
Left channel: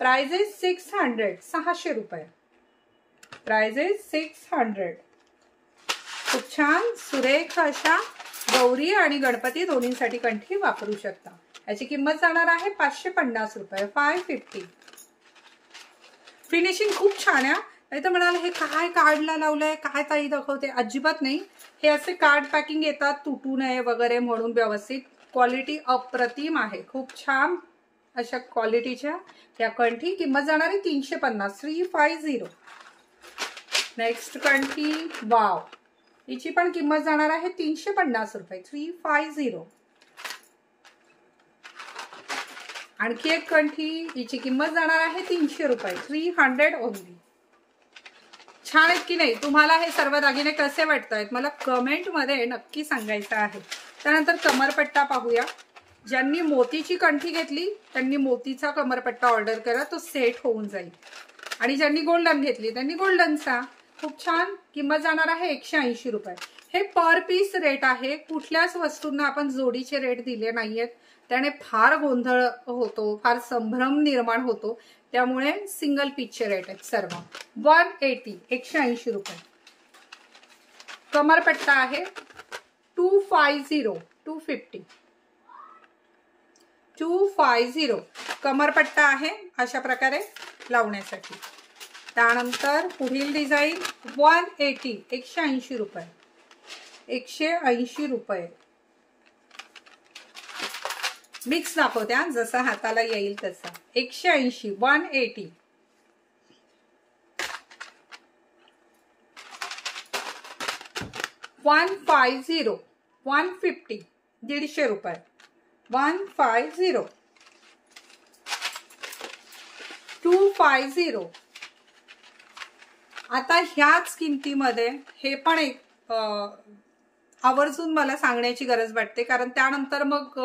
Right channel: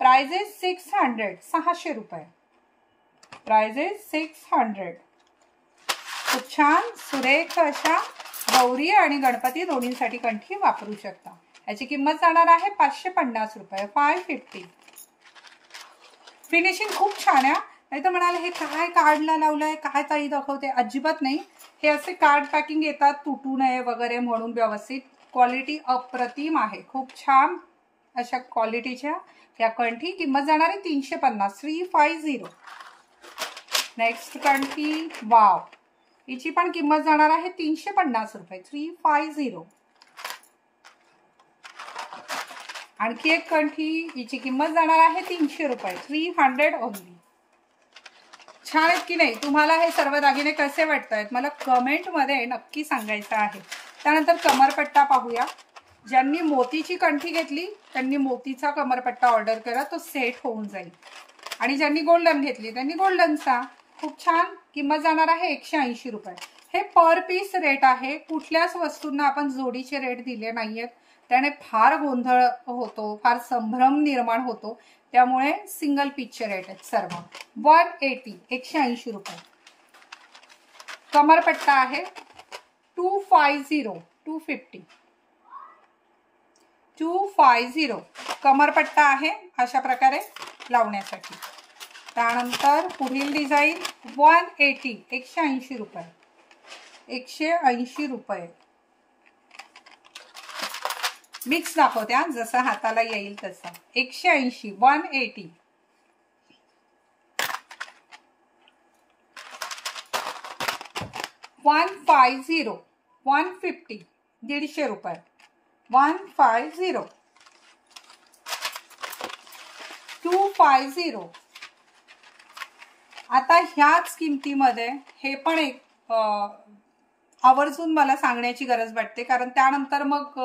Price is 600. 600 रुपये. Price is 600. खूप छान सुरेख अशा गौरी आणि गणपती दोन्हींसाठी कंठी वापरू शकता. याची किंमत जाणार आहे 550 रुपये. 550. फिनिशिंग खूप छान आहे. नाही तर म्हणाल हे काय कार्डला लावलंय, काय ताई दाखवते. अजिबात नाही. हे असे कार्ड पॅकिंग येतात तुटू नये वगैरे म्हणून व्यवस्थित. क्वालिटी अप्रतिम आहे. खूप छान अशा क्वालिटीच्या या कंठी. किंमत जाणार आहे 350. 350. नेक्स्ट कंठी. वाव. हिची पण किंमत जाणार आहे 350 रुपये. 350. आणखी एक कंठी. हिची किंमत जाणार आहे 300 रुपये. 300 ओनली. छान आहेत की नाही? तुम्हाला हे सर्व दागिने कसे वाटतायत मला कमेंटमध्ये नक्की सांगायचं आहे. त्यानंतर कमरपट्टा पाहूया. ज्यांनी मोतीची कंठी घेतली त्यांनी मोतीचा कमरपट्टा ऑर्डर करा. तो सेट होऊन जाईल. आणि ज्यांनी गोल्डन घेतली त्यांनी गोल्डनचा. खूप छान. किंमत जाणार आहे 180 रुपये. हे पर पीस रेट आहे. कुठल्याच वस्तूंना आपण जोडीचे रेट दिले नाहीयेत. त्याने फार गोंधळ होतो, फार संभ्रम निर्माण होतो. त्यामुळे सिंगल पीसचे रेट आहेत सर्व. 180. 180 रुपये. कमरपट्टा आहे 250. 250. 250. कमरपट्टा आहे अशा प्रकारे लावण्यासाठी. त्यानंतर पुढील डिझाईन 180. 180 रुपये. 180 रुपये. मिक्स दाखवते जसं हाताला येईल तसा. 180. 180. 150. 150. 150 रुपये. 150. 250. आता ह्याच किमतीमध्ये हे पण एक आवर्जून मला सांगण्याची गरज वाटते कारण त्यानंतर मग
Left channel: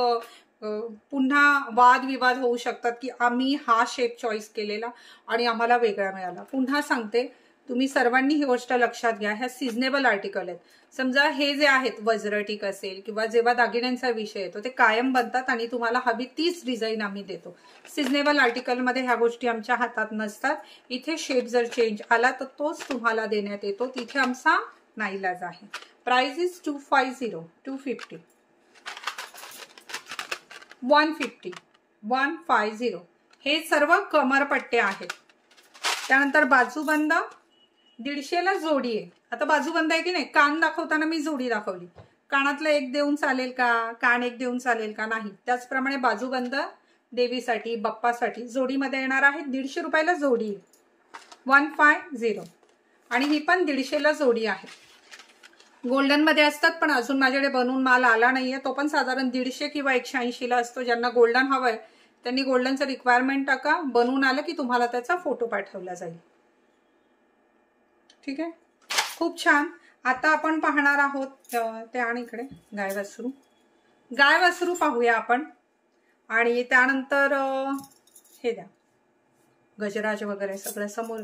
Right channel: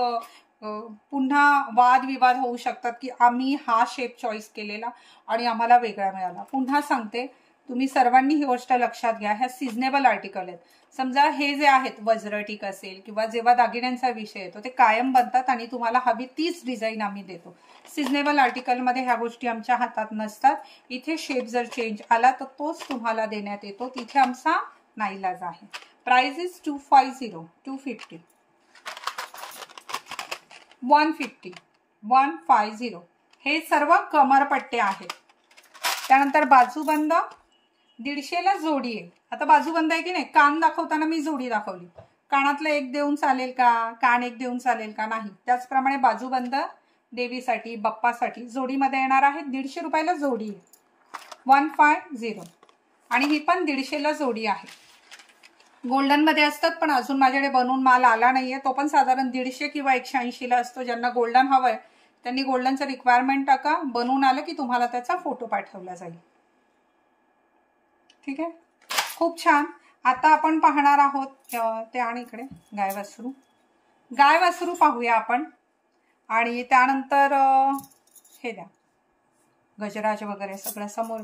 पुन्हा वादविवाद होऊ शकतात की आम्ही हा शेप चॉईस केलेला आणि आम्हाला वेगळा मिळाला. पुन्हा सांगते तुम्ही सर्वांनी ही गोष्ट लक्षात घ्या. ह्या सिजनेबल आर्टिकल आहेत. समजा हे जे आहेत वज्रटीक असेल किंवा जेव्हा दागिन्यांचा विषय येतो ते कायम बनतात आणि तुम्हाला हवी तीच डिझाईन आम्ही देतो. सिजनेबल आर्टिकलमध्ये ह्या गोष्टी आमच्या हातात नसतात. इथे शेप जर चेंज आला तर तोच तुम्हाला देण्यात येतो. तिथे आमचा नाईलाज आहे. Price is 250. 250. 150. 150. हे सर्व कमरपट्टे आहेत. त्यानंतर बाजूबंद 150ला जोडी आहे. आता बाजूबंद आहे की नाही, कान दाखवताना मी जोडी दाखवली. कानातलं एक देऊन चालेल का, कान एक देऊन चालेल का, नाही. त्याचप्रमाणे बाजूबंद देवीसाठी बाप्पासाठी जोडीमध्ये येणार आहे. 150 रुपयाला जोडी आहे. 150. आणि ही पण 150ला जोडी आहे. गोल्डन मध्ये असतात, पण अजून माझ्याकडे बनवून माल आला नाहीये. तो पण साधारण 150 किंवा 180ला असतो. ज्यांना गोल्डन हवंय त्यांनी गोल्डनचं रिक्वायरमेंट टाका. बनवून आलं की तुम्हाला त्याचा फोटो पाठवला जाईल. ठीक आहे, खूप छान. आता आपण पाहणार आहोत ते, आणि इकडे गाय वासरू पाहूया आपण. आणि त्यानंतर हे द्या, गजराज वगैरे सगळं समोर.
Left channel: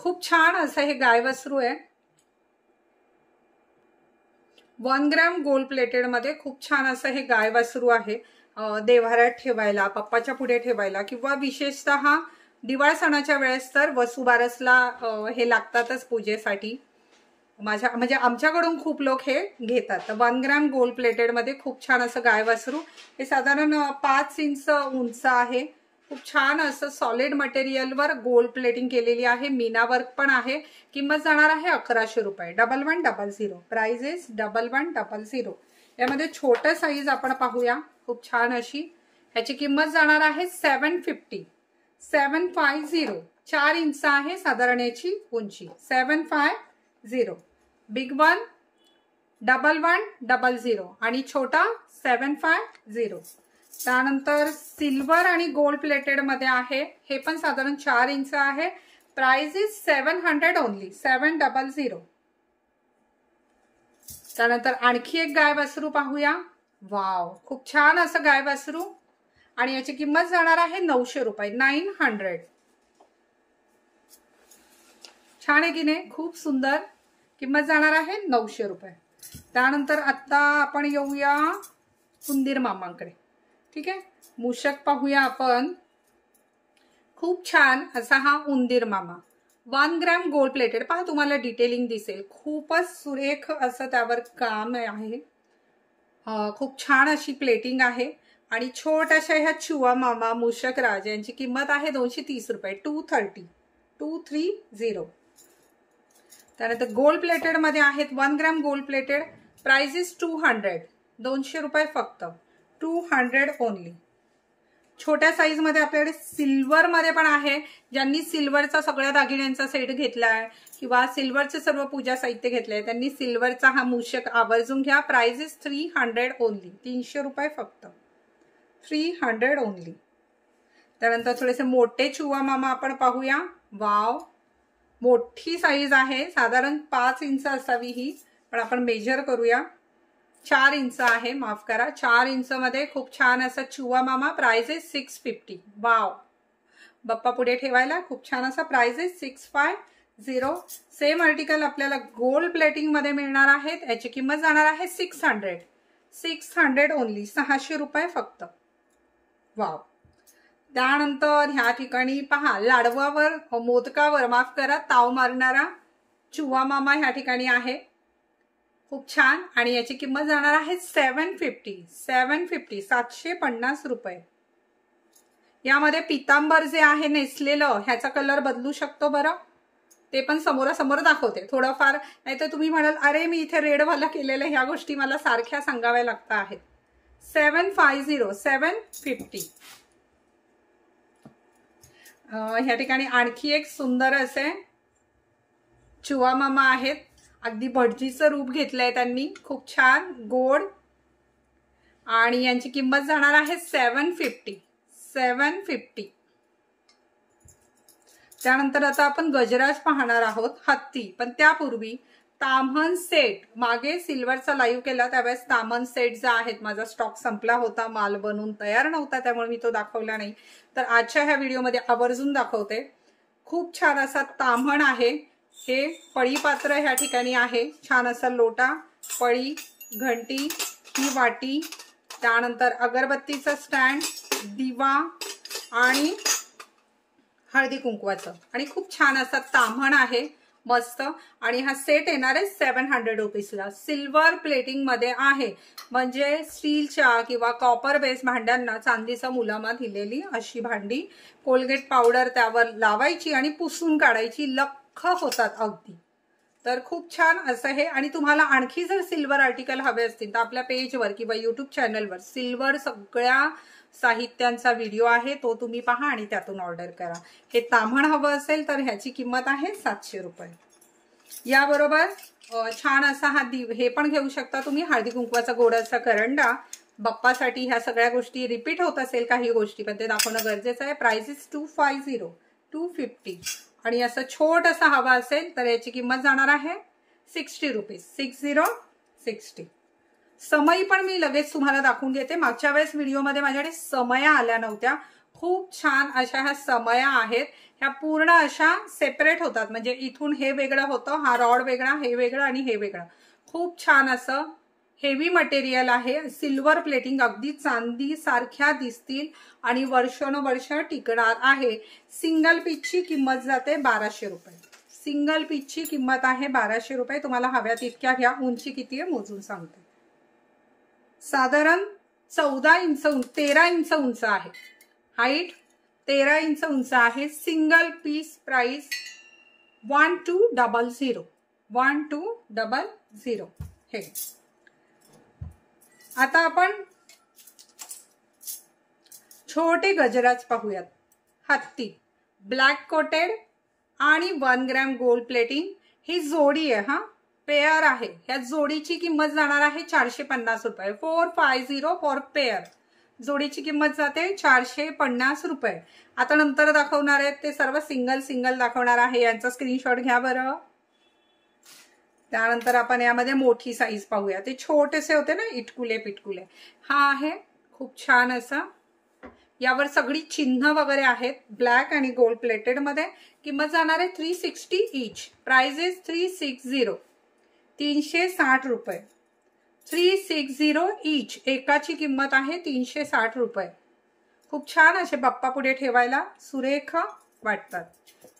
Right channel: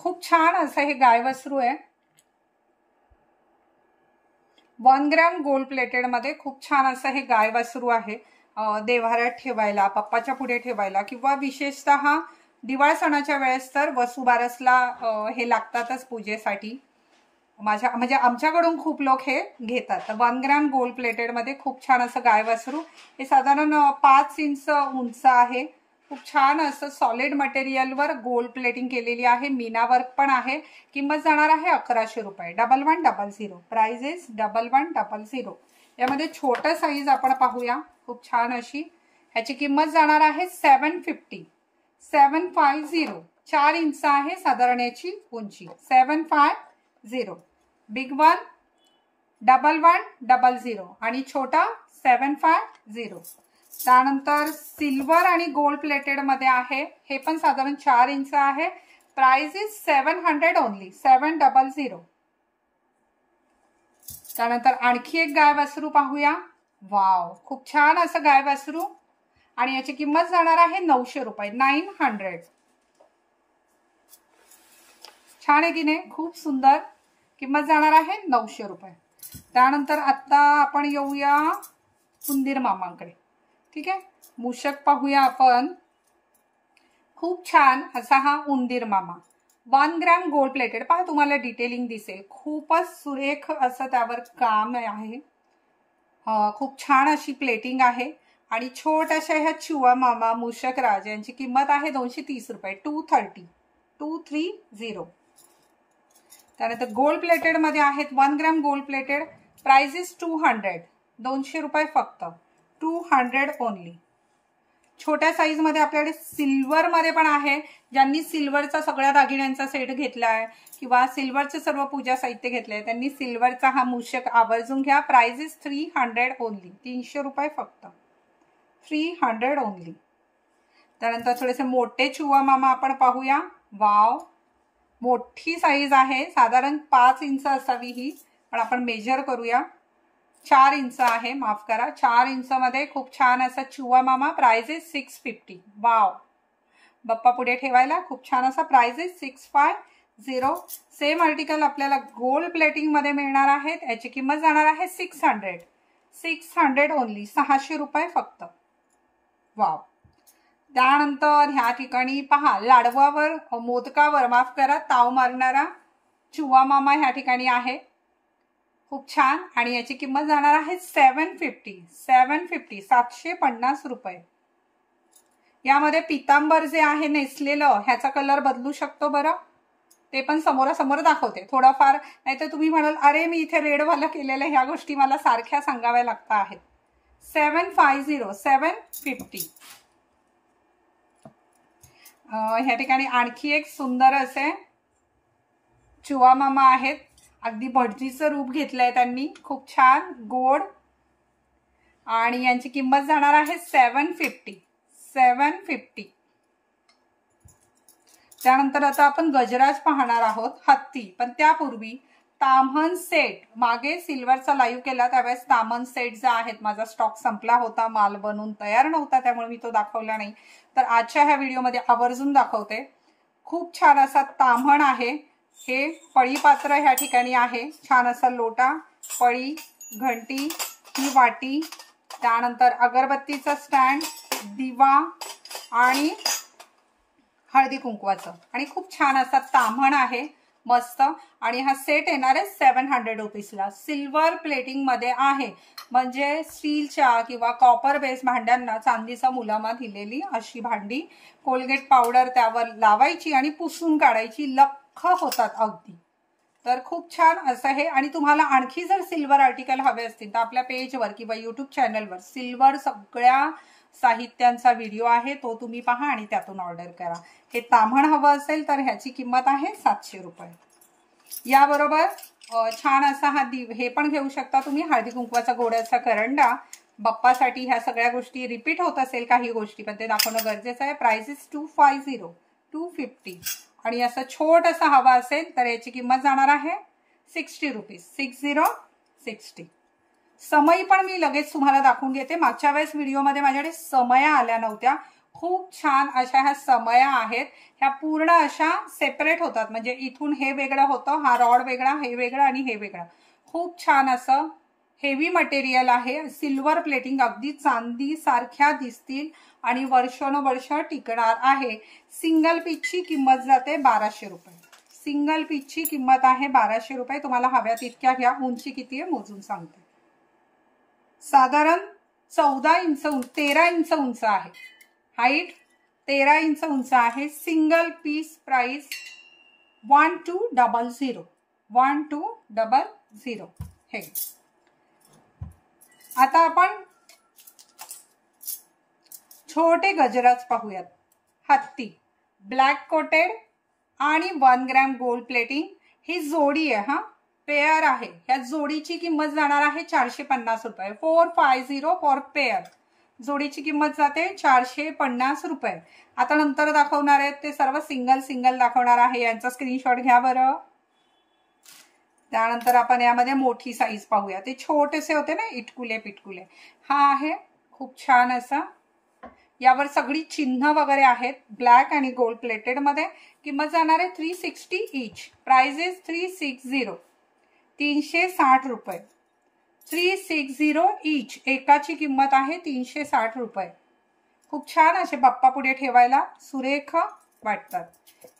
खूप छान असं हे गाय वासरू आहे. 1 ग्रॅम गोल्ड प्लेटेड मध्ये खूप छान असं हे गाय वासरू आहे. देव्हाऱ्यात ठेवायला, पप्पाच्या पुढे ठेवायला, किंवा विशेषतः दिवाळ सणाच्या वेळेस तर वसुबारसला हे लागतातच पूजेसाठी. म्हणजे आमच्याकडून खूप लोक हे घेतात. 1 ग्रॅम गोल्ड प्लेटेड मध्ये खूप छान असं गाय वासरू. हे साधारण 5 इंच उंच आहे. खूप छान असं सॉलिड मटेरियलवर गोल्ड प्लेटिंग केलेली आहे. मीना वर्क पण आहे. किंमत जाणार आहे 1100 रुपये. 1100. Price is 1100. यामध्ये छोटा साईज आपण पाहूया. खूप छान अशी. ह्याची किंमत जाणार आहे 750. 750. 4 इंच आहे साधारण याची उंची. 750. बिग वन 1100 आणि छोटा 750. त्यानंतर सिल्वर आणि गोल्ड प्लेटेड मध्ये आहे. हे पण साधारण 4 इंच आहे. Price is 700 only. 700. त्यानंतर आणखी एक गाय वासरू पाहूया. वाव, खूप छान असं गाय वासरू. आणि याची किंमत जाणार आहे 900 रुपये. 900. छान आहे की नाही, खूप सुंदर. किंमत जाणार आहे 900 रुपये. त्यानंतर आता आपण येऊया उंदीर मामांकडे. ठीक आहे, मूषक पाहूया आपण. खूप छान असा हा उंदीर मामा. 1 ग्रॅम गोल्ड प्लेटेड. पहा, तुम्हाला डिटेलिंग दिसेल. खूपच सुरेख असं त्यावर काम आहे. खूप छान अशी प्लेटिंग आहे. आणि छोट्याशा ह्या चुवा मामा मूषक राज यांची किंमत आहे 230 रुपये. 230. त्यानंतर गोल्ड प्लेटेड मध्ये आहेत. 1 gram gold plated. Price is 200. 200 रुपये फक्त. 200 ओनली. छोट्या साईज मध्ये आपल्याकडे सिल्वर मध्ये पण आहे. ज्यांनी सिल्वरचा सगळ्या दागिन्यांचा सेट घेतलाय किंवा सिल्वरचे सर्व पूजा साहित्य घेतलंय त्यांनी सिल्वरचा हा मूषक आवर्जून घ्या. Price is 300 only. 300 रुपये फक्त. 300 ओनली. त्यानंतर थोडेसे मोठे चुवा मामा आपण पाहूया. वाव, मोठी साईज आहे. साधारण 5 इंच असावी ही, पण आपण मेजर करूया. 4 इंच आहे, माफ करा. 4 इंच मध्ये खूप छान असा चुवा मामा. Price is 650. वाव, बाप्पा पुढे ठेवायला खूप छान असा. Price is 650. सेम आर्टिकल आपल्याला गोल्ड प्लेटिंग मध्ये मिळणार आहेत. याची किंमत जाणार आहे 600. 600 ओनली. 600 रुपये फक्त. वाव. त्यानंतर ह्या ठिकाणी पहा, लाडवावर मोदकावर माफ करा ताव मारणारा चुवा मामा ह्या ठिकाणी आहे. खूप छान. आणि याची किंमत जाणार आहे 750. 750 रुपये. यामध्ये पितांबर जे आहे नेसलेलं, ह्याचा कलर बदलू शकतो बरं. ते पण समोरासमोर दाखवते थोडंफार. नाहीतर तुम्ही म्हणाल अरे मी इथे रेडवाला केलेलं, ह्या गोष्टी मला सारख्या सांगाव्या लागत आहेत. 750. 750. ह्या ठिकाणी आणखी एक सुंदर असे चुवा मामा आहेत. अगदी भटजीचं रूप घेतलंय त्यांनी. खूप छान गोड. आणि यांची किंमत जाणार आहे 750. 750. त्यानंतर आता आपण गजराज पाहणार आहोत. हत्ती. पण त्यापूर्वी ताम्हण सेट. मागे सिल्वरचा लाईव्ह केला त्यावेळेस ताम्हण सेट जे आहेत, माझा स्टॉक संपला होता, माल बनवून तयार नव्हता, त्यामुळे मी तो दाखवला नाही. तर आजच्या ह्या व्हिडिओमध्ये आवर्जून दाखवते. खूप छान असा ताम्हण आहे. हे पळी पात्र ह्या ठिकाणी आहे. छान असा लोटा, पळी, घंटी, ही वाटी, त्यानंतर अगरबत्तीचा स्टँड, दिवा आणि हळदी कुंकवाचं. आणि खूप छान असा ताम्हण आहे. मस्त. आणि हा सेट येणार आहे 700 रुपीजला. सिल्वर प्लेटिंग मध्ये आहे, म्हणजे स्टीलच्या किंवा कॉपर बेस भांड्यांना चांदीचा मुलामा दिलेली अशी भांडी. कोलगेट पावडर त्यावर लावायची आणि पुसून काढायची, लख्ख होतात अगदी. तर खूप छान असं हे. आणि तुम्हाला आणखी जर सिल्वर आर्टिकल हवे असतील तर आपल्या पेजवर किंवा यूट्यूब चॅनलवर सिल्वर सगळ्या साहित्यांचा व्हिडिओ आहे, तो तुम्ही पहा आणि त्यातून ऑर्डर करा. हे ताम्हण हवं असेल तर ह्याची किंमत आहे 700 रुपये. याबरोबर छान असा हा हे पण घेऊ शकता तुम्ही, हळदी कुंकवाचा गोडाचा करंडा. बाप्पासाठी ह्या सगळ्या गोष्टी रिपीट होत असेल काही गोष्टी, पण ते दाखवणं गरजेचं आहे. Price is 250, 250. आणि असं छोटंसं हवा असेल तर याची किंमत जाणार आहे 60 रुपीज. 60. समई पण मी लगेच तुम्हाला दाखवून घेते. मागच्या वेळेस व्हिडिओमध्ये माझ्याकडे समया आल्या नव्हत्या. खूप छान अशा ह्या समया आहेत. ह्या पूर्ण अशा सेपरेट होतात, म्हणजे इथून हे वेगळं होतं, हा रॉड वेगळा, हे वेगळं आणि हे वेगळं. खूप छान असं हेवी मटेरियल आहे. सिल्वर प्लेटिंग, अगदी चांदी सारख्या दिसतील आणि वर्षानुवर्ष टिकणार आहे. सिंगल पीसची किंमत जाते 1200 रुपये. सिंगल पीसची किंमत आहे 1200 रुपये. तुम्हाला हव्यात इतक्या घ्या. उंची किती आहे मोजून सांगते. साधारण 14 इंच 13 इंच उंच आहे. हाईट 13 इंच उंच आहे. Single piece. प्राइस 1200. 1200 हे. आता आपण छोटे गजराज पाहूयात. हत्ती, ब्लॅक कोटेड आणि 1 ग्रॅम गोल्ड प्लेटिंग. ही जोडी आहे, हा पेअर आहे. या जोडीची किंमत जाणार आहे 450 रुपये. 450 फॉर पेअर. जोडीची किंमत जाते 450 रुपये. आता नंतर दाखवणार आहेत ते सर्व सिंगल दाखवणार आहे. यांचा स्क्रीनशॉट घ्या बरं. त्यानंतर आपण यामध्ये मोठी साईज पाहूया. ते छोटेसे होते ना इटकुले पिटकुले. हा आहे खूप छान असा. यावर सगळी चिन्ह वगैरे आहेत, ब्लॅक आणि गोल्ड प्लेटेड मध्ये. किंमत जाणार आहे 360 ईच. Price is 360. 360 रुपये. 360 ईच. एकाची किंमत आहे 360 रुपये. खूप छान असे बाप्पा पुढे ठेवायला सुरेख वाटतात.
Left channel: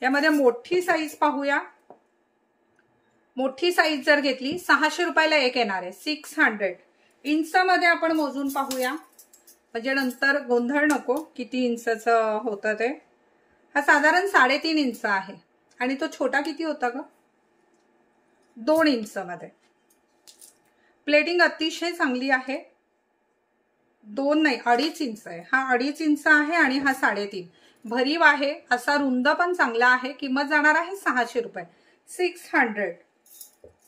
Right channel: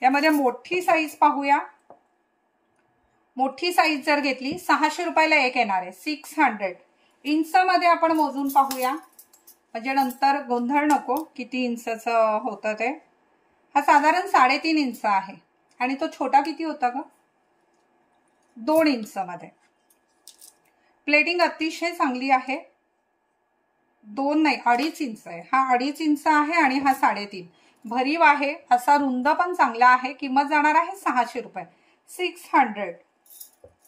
यामध्ये मोठी साईज पाहूया. मोठी साईज जर घेतली 600 रुपयाला एक येणार आहे. 600 इंच मध्ये आपण मोजून पाहूया, म्हणजे नंतर गोंधळ नको किती इंचचं होतं ते. हा साधारण 3.5 इंच आहे. आणि तो छोटा किती होता ग? 2 इंच मध्ये. प्लेटिंग अतिशय चांगली आहे. 2 नाही 2.5 इंच आहे. हा 2.5 इंच आहे आणि हा 3.5. भरीव आहे असा, रुंद पण चांगला आहे. किंमत जाणार आहे 600 रुपये. 600.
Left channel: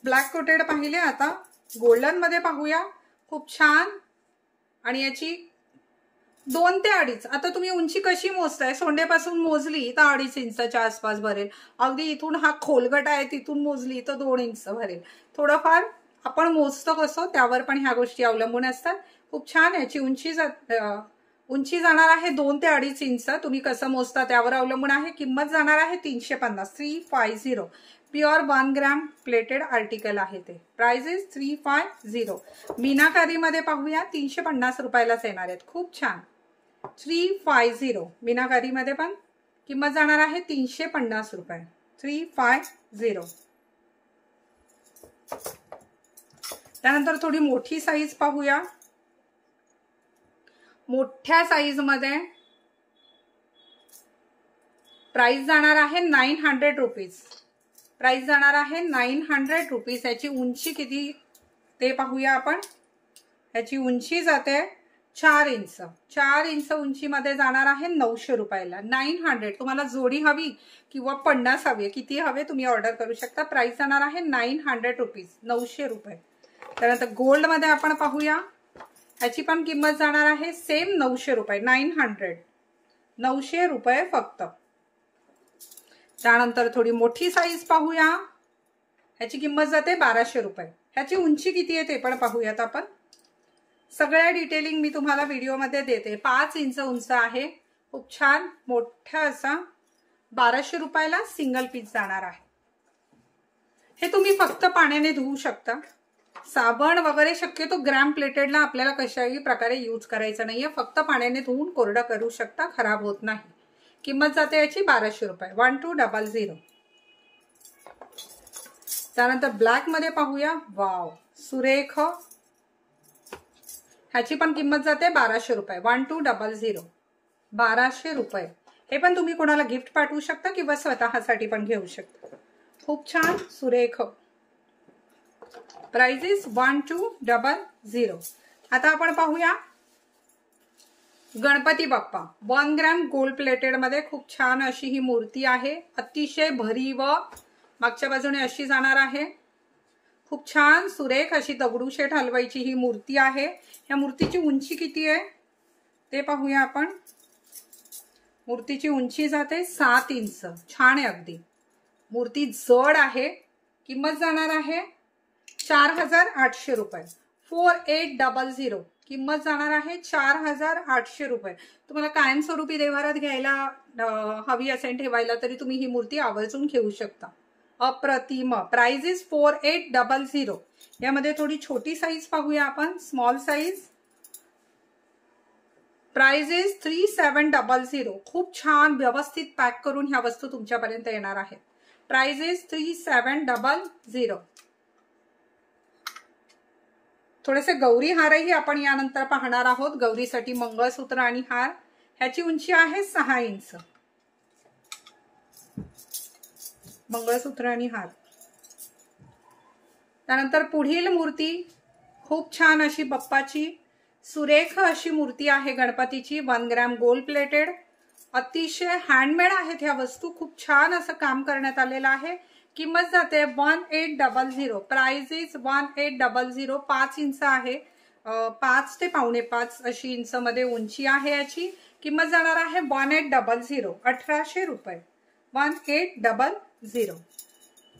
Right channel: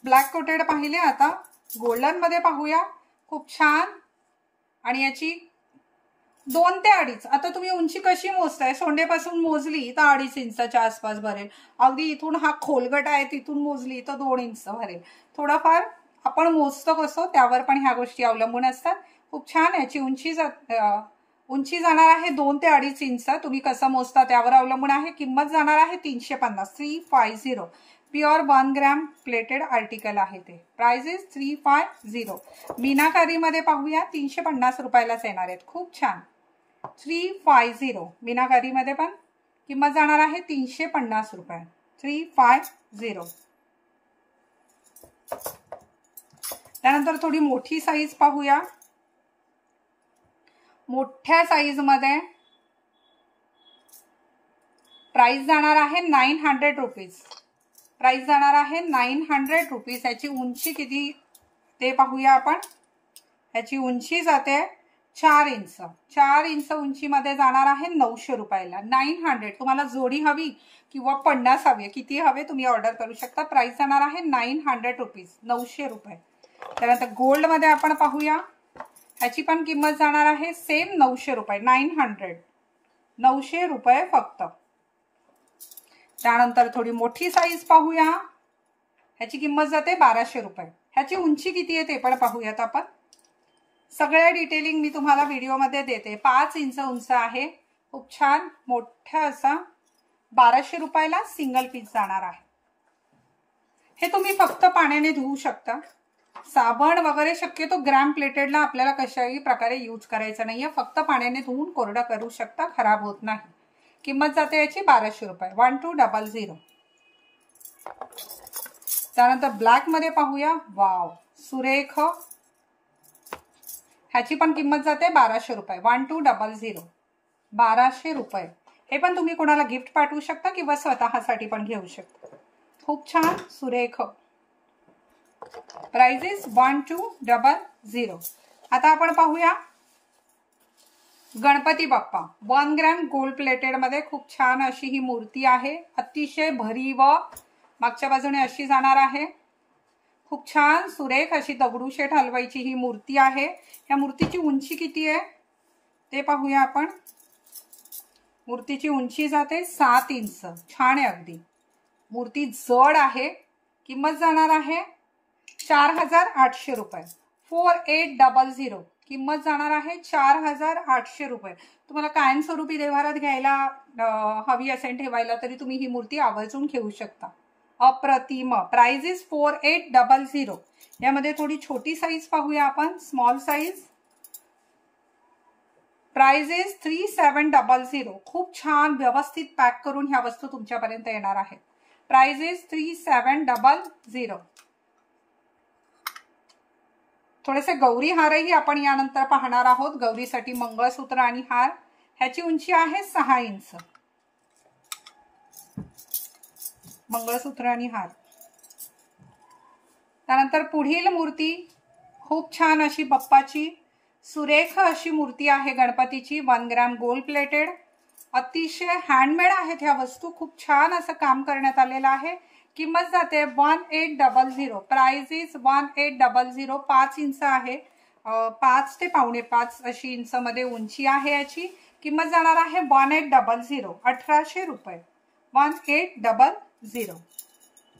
ब्लॅक कोटेड पाहिले. आता गोल्डन मध्ये पाहूया. खूप छान. आणि याची 2 ते 2.5. आता तुम्ही उंची कशी मोजताय? सोंडेपासून मोजली तर 2.5 इंचाच्या आसपास भरेल. अगदी इथून हा खोलगट आहे तिथून मोजली तर 2 इंच भरेल. थोडंफार आपण मोजतो कसं त्यावर पण ह्या गोष्टी अवलंबून असतात. खूप छान. याची उंची जाणार आहे 2 ते 2.5 इंच. तुम्ही कसं मोजता त्यावर अवलंबून आहे. किंमत जाणार आहे 350. 350. प्युअर 1 ग्रॅम प्लेटेड आर्टिकल आहे ते. Price is 350. मीनाकारी मध्ये पाहूया. 350 रुपयालाच येणार आहेत. खूप छान. 350 मीनाकारी मध्ये पण. किंमत जाणार आहे 350 रुपये. 350. त्यानंतर थोडी मोठी साईज पाहूया. मोठ्या साईज मध्ये प्राइस जाणार आहे 900 रुपीज. प्राइस जाणार आहे 900 रुपीज. याची उंची किती ते पाहूया आपण. याची उंची जाते 4 इंच. 4 इंच उंचीमध्ये जाणार आहे 900 रुपयाला. 900. तुम्हाला जोडी हवी किंवा 50 हवी, किती हवे तुम्ही ऑर्डर करू शकता. प्राइस जाणार आहे 900 रुपीज. 900 रुपये. त्यानंतर गोल्ड मध्ये आपण पाहूया. याची पण किंमत जाणार आहे सेम 900 रुपये. 900. 900 रुपये फक्त. त्यानंतर थोडी मोठी साईज पाहूया. ह्याची किंमत जाते 1200 रुपये. ह्याची उंची किती आहे ते पण पाहूयात आपण. सगळ्या डिटेलिंग मी तुम्हाला व्हिडिओमध्ये देते. 5 इंच उंच आहे. खूप छान मोठा असा. 1200 रुपयाला सिंगल पीस जाणार आहे. हे तुम्ही फक्त पाण्याने धुवू शकता. साबण वगैरे शक्यतो ग्रॅम प्लेटेडला आपल्याला कशाही प्रकारे यूज करायचं नाहीये. फक्त पाण्याने धुवून कोरडं करू शकता, खराब होत नाही. किंमत जाते याची 1200 रुपये. 1200. त्यानंतर ब्लॅक मध्ये पाहूया, वाव सुरेख, ह्याची पण किंमत जाते 1200 रुपये, 1200, 1200 रुपये. हे पण तुम्ही कोणाला गिफ्ट पाठवू शकता किंवा स्वतःसाठी पण घेऊ शकता. खूप छान सुरेख. Price is 1200. आता आपण पाहूया Ganpati Bappa 1 gram gold plated मध्ये. खूप छान अशी ही मूर्ती आहे, अतिशय भरीव. मागच्या बाजूने अशी जाणार आहे. खूप छान सुरेख अशी दगडूशेठ हलवाईची ही मूर्ती आहे. या मूर्तीची उंची किती आहे ते पाहूया आपण. मूर्तीची उंची जाते 7 इंच. छान आहे अगदी. मूर्ती जड आहे. किंमत जाणार आहे 4800 रुपये, 4800. किंमत जाणार आहे 4800 रुपये. तुम्हाला कायमस्वरूपी देवारात घ्यायला हवी असेल ठेवायला तरी तुम्ही ही मूर्ती आवर्जून घेऊ शकता. अप्रतिम. Price is 4800. यामध्ये थोडी छोटी साईज पाहूया आपण, स्मॉल साईज. Price is 3700. खूप छान व्यवस्थित पॅक करून ह्या वस्तू तुमच्यापर्यंत येणार आहेत. Price is 3700. थोडेसे गौरी हारही आपण यानंतर पाहणार आहोत. गौरीसाठी मंगळसूत्र आणि हार. ह्याची उंची आहे 6 इंच. मंगळसूत्र आणि हार. त्यानंतर पुढील मूर्ती खूप छान अशी बाप्पाची सुरेख अशी मूर्ती आहे गणपतीची, 1 ग्रॅम गोल्ड प्लेटेड. अतिशय हँडमेड आहेत ह्या वस्तू. खूप छान असं काम करण्यात आलेलं आहे. किंमत जाते 1800. Price is 1800. 5 इंच आहे. 5 ते 5.25 अशी इंच मध्ये उंची आहे याची. किंमत जाणार आहे 1800. 1800 रुपये, 1800.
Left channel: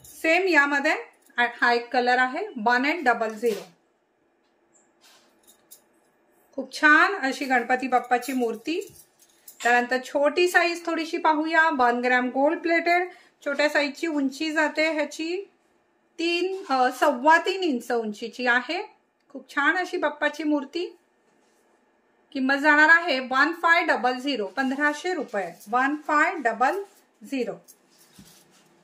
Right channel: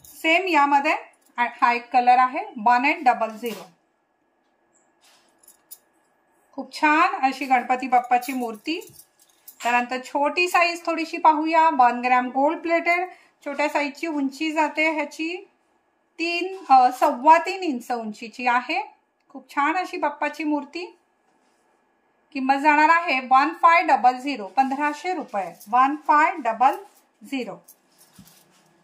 सेम यामध्ये हा एक कलर आहे, 1800. खूप छान अशी गणपती बाप्पाची मूर्ती. त्यानंतर छोटी साईज थोडीशी पाहूया, 1 ग्रॅम गोल्ड प्लेटेड. छोट्या साईजची उंची जाते ह्याची 3.25 इंच उंचीची आहे. खूप छान अशी बाप्पाची मूर्ती. किंमत जाणार आहे 1500. 1500 रुपये, 1500.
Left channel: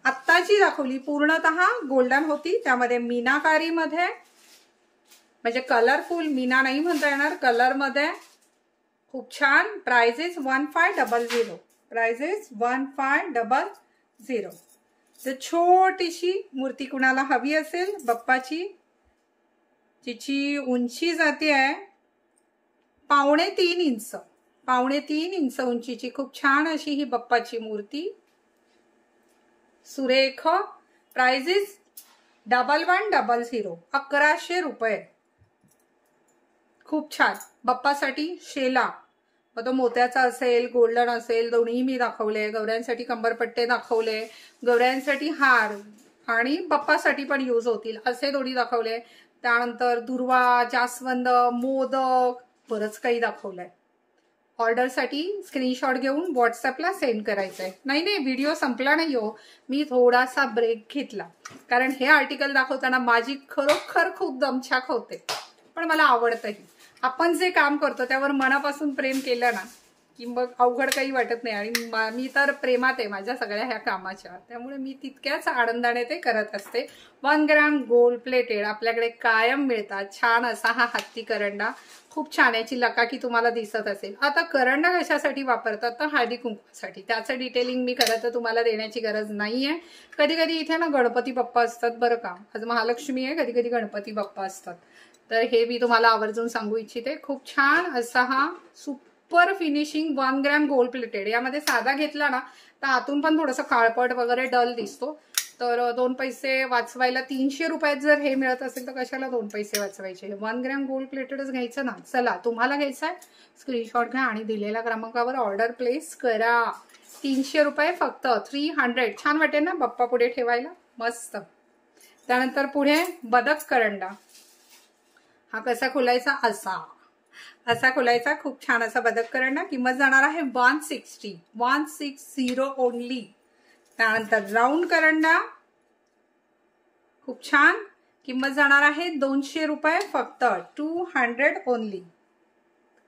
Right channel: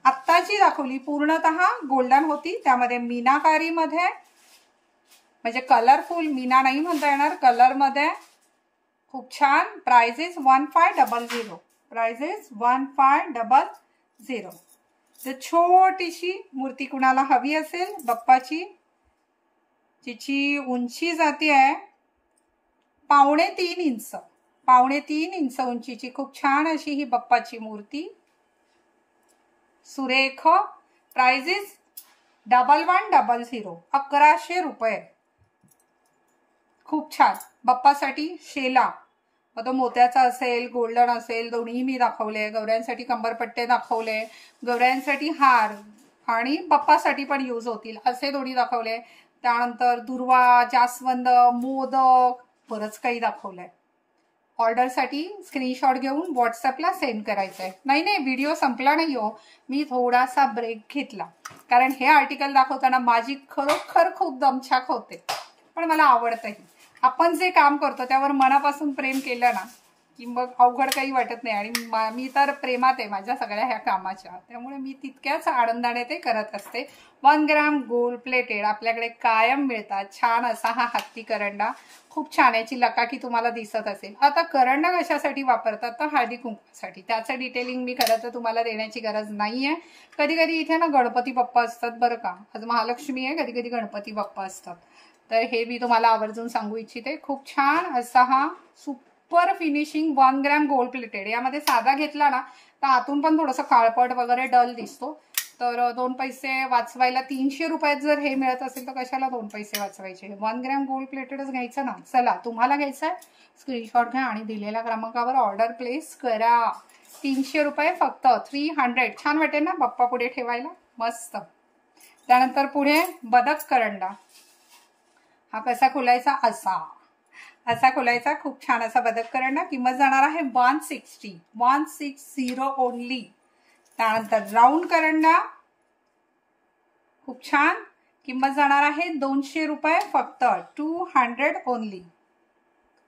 आत्ताची दाखवली पूर्णतः गोल्डन होती, त्यामध्ये मीनाकारी मध्ये, म्हणजे कलरफुल मीना नाही म्हणता येणार, कलर मध्ये. खूप छान. Price is 1500. Price is 1500. जर छोटीशी मूर्ती कुणाला हवी असेल बाप्पाची, जिची उंची जाते आहे 3.25 इंच, 3.25 इंच उंचीची खूप छान अशी ही बाप्पाची मूर्ती सुरेख. Price is 1100. 1100 रुपये. खूप छान. बाप्पासाठी शेला, मग तो मोत्याचा असेल गोल्डन असेल, दोन्ही मी दाखवले. गौऱ्यांसाठी कंबरपट्टे दाखवले, गौऱ्यांसाठी हार आणि बाप्पासाठी पण यूज होतील असे दोन्ही दाखवले. त्यानंतर दुर्वा, जास्वंद, मोदक, बरंच काही दाखवलंय. ऑर्डरसाठी स्क्रीनशॉट घेऊन व्हॉट्सअपला सेंड करायचं आहे. नाही, व्हिडिओ संपला नाही हो, मी थोडासा ब्रेक घेतला कारण हे आर्टिकल दाखवताना माझी खरोखर खूप दमछाक होते, पण मला आवडतंही. आपण जे काम करतो त्यावर मनापासून प्रेम केलं ना की मग अवघड काही वाटत नाही. आणि मी तर प्रेमात आहे माझ्या सगळ्या ह्या कामाच्या, त्यामुळे मी तितक्याच आनंदाने ते करत असते. 1 ग्रॅम गोल्ड प्लेटेड आपल्याकडे कायम मिळतात. छान असा हा हत्ती करंडा, खूप छान. याची लकाकी तुम्हाला दिसत असेल. आता करंडा कशासाठी वापरतात तर हळदी कुंकवासाठी. त्याचं डिटेलिंग मी खरं तर तुम्हाला देण्याची गरज नाहीये. कधी कधी इथे ना गणपती बाप्पा असतात बरं का. आज महालक्ष्मी आहे, कधी कधी गणपती बाप्पा असतात, तर हे मी तुम्हाला आवर्जून सांगू इच्छिते. खूप छान असा हा super finishing 1 gram gold plated. यामध्ये साधा घेतला ना तर आतून पण थोडंसं काळपट वगैरे डल दिसतो. तर 2 पैसे वाचवायला 300 रुपयात जर हे मिळत असेल तर कशाला 2 पैसे वाचवायचे. 1 ग्रॅम गोल्ड प्लेटेडच घ्यायचं ना. चला, तुम्हाला घ्यायचं आहे स्क्रीनशॉट घ्या आणि दिलेल्या क्रमांकावर ऑर्डर प्लेस करा. 300 रुपये फक्त. 300. छान वाटेल ना बाप्पा पुढे ठेवायला, मस्त. त्यानंतर पुढे बदक करंडा. हा कसा खोलायचा, असा खोलायचा. खूप छान असा बदक करंडा. किंमत जाणार आहे 160 ओनली. त्यानंतर राऊंड करंडा, खूप छान. किंमत जाणार आहे 200 रुपये फक्त. 200 ओनली.